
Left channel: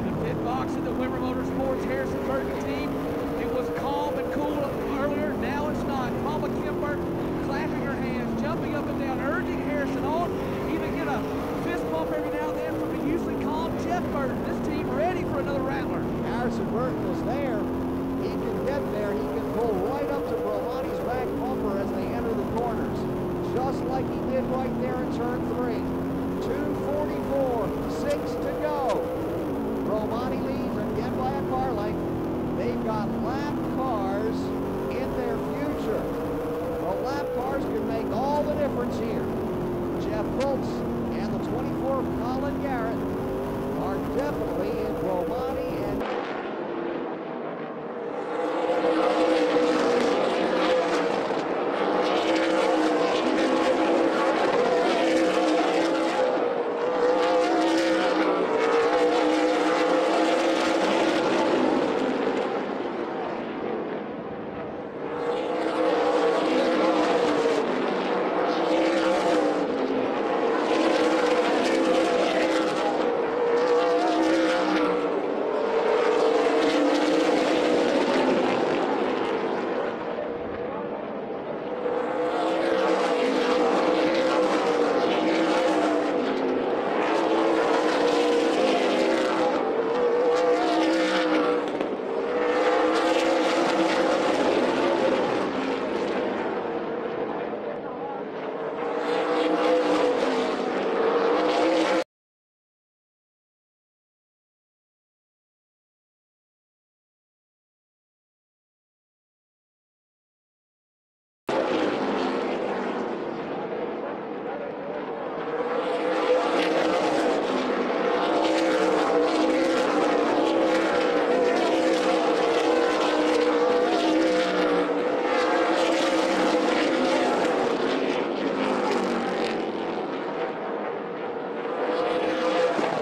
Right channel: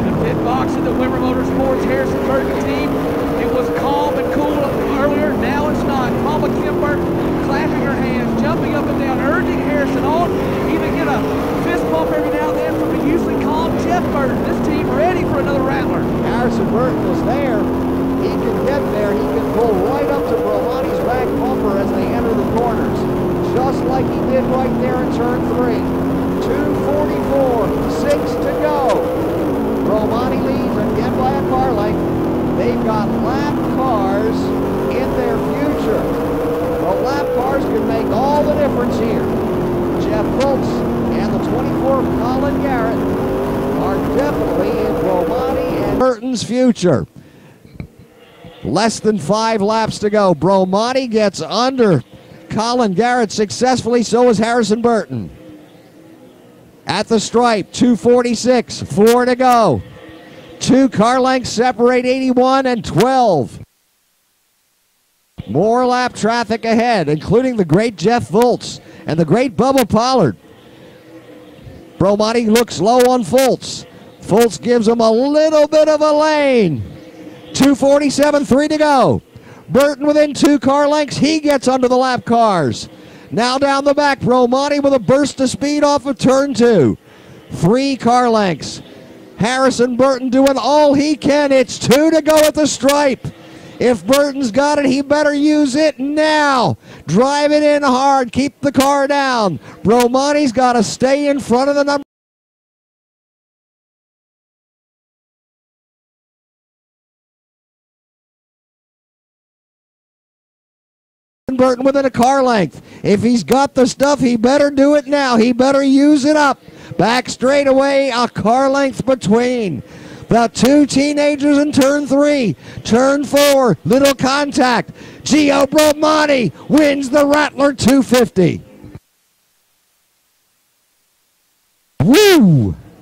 In the pit box of the Wimmer Motorsports Harrison Burton team, it was calm and cool earlier. Now it's not. Mama Kim Burton clapping her hands, jumping up and down, urging Harrison on. Even get a fist bump every now and then from the usually calm Jeff Burton. This team ready for another Rattler. Harrison Burton is there. He can get there. He can pull right up to Bromati's back bumper as they enter the corners, just like he did right there in turn 3. 2:44, 6 to go. Bromati leads again by a car length. They've got lap cars in their future. The lap cars can make all the difference here. Jeff Fultz and the 24 Colin Garrett are definitely in Bromati and Burton's future. Less than 5 laps to go. Bromati gets under Colin Garrett successfully, so is Harrison Burton. At the stripe, 2:46, 4 to go. 2 car lengths separate 81 and 12. More lap traffic ahead, including the great Jeff Fultz and the great Bubba Pollard. Bromati looks low on Fultz. Fultz gives him a little bit of a lane. 2:47, 3 to go. Burton within 2 car lengths. He gets under the lap cars. Now down the back, Bromati with a burst of speed off of turn 2. 3 car lengths. Harrison Burton doing all he can. It's 2 to go at the stripe. If Burton's got it, he better use it now. Drive it in hard. Keep the car down. Romani's got to stay in front of the number. Burton within a car length. If he's got the stuff, he better do it now. He better use it up. Back straightaway, a car length between the two teenagers in turn 3. Turn 4, little contact. Gio Romani wins the Rattler 250. Woo!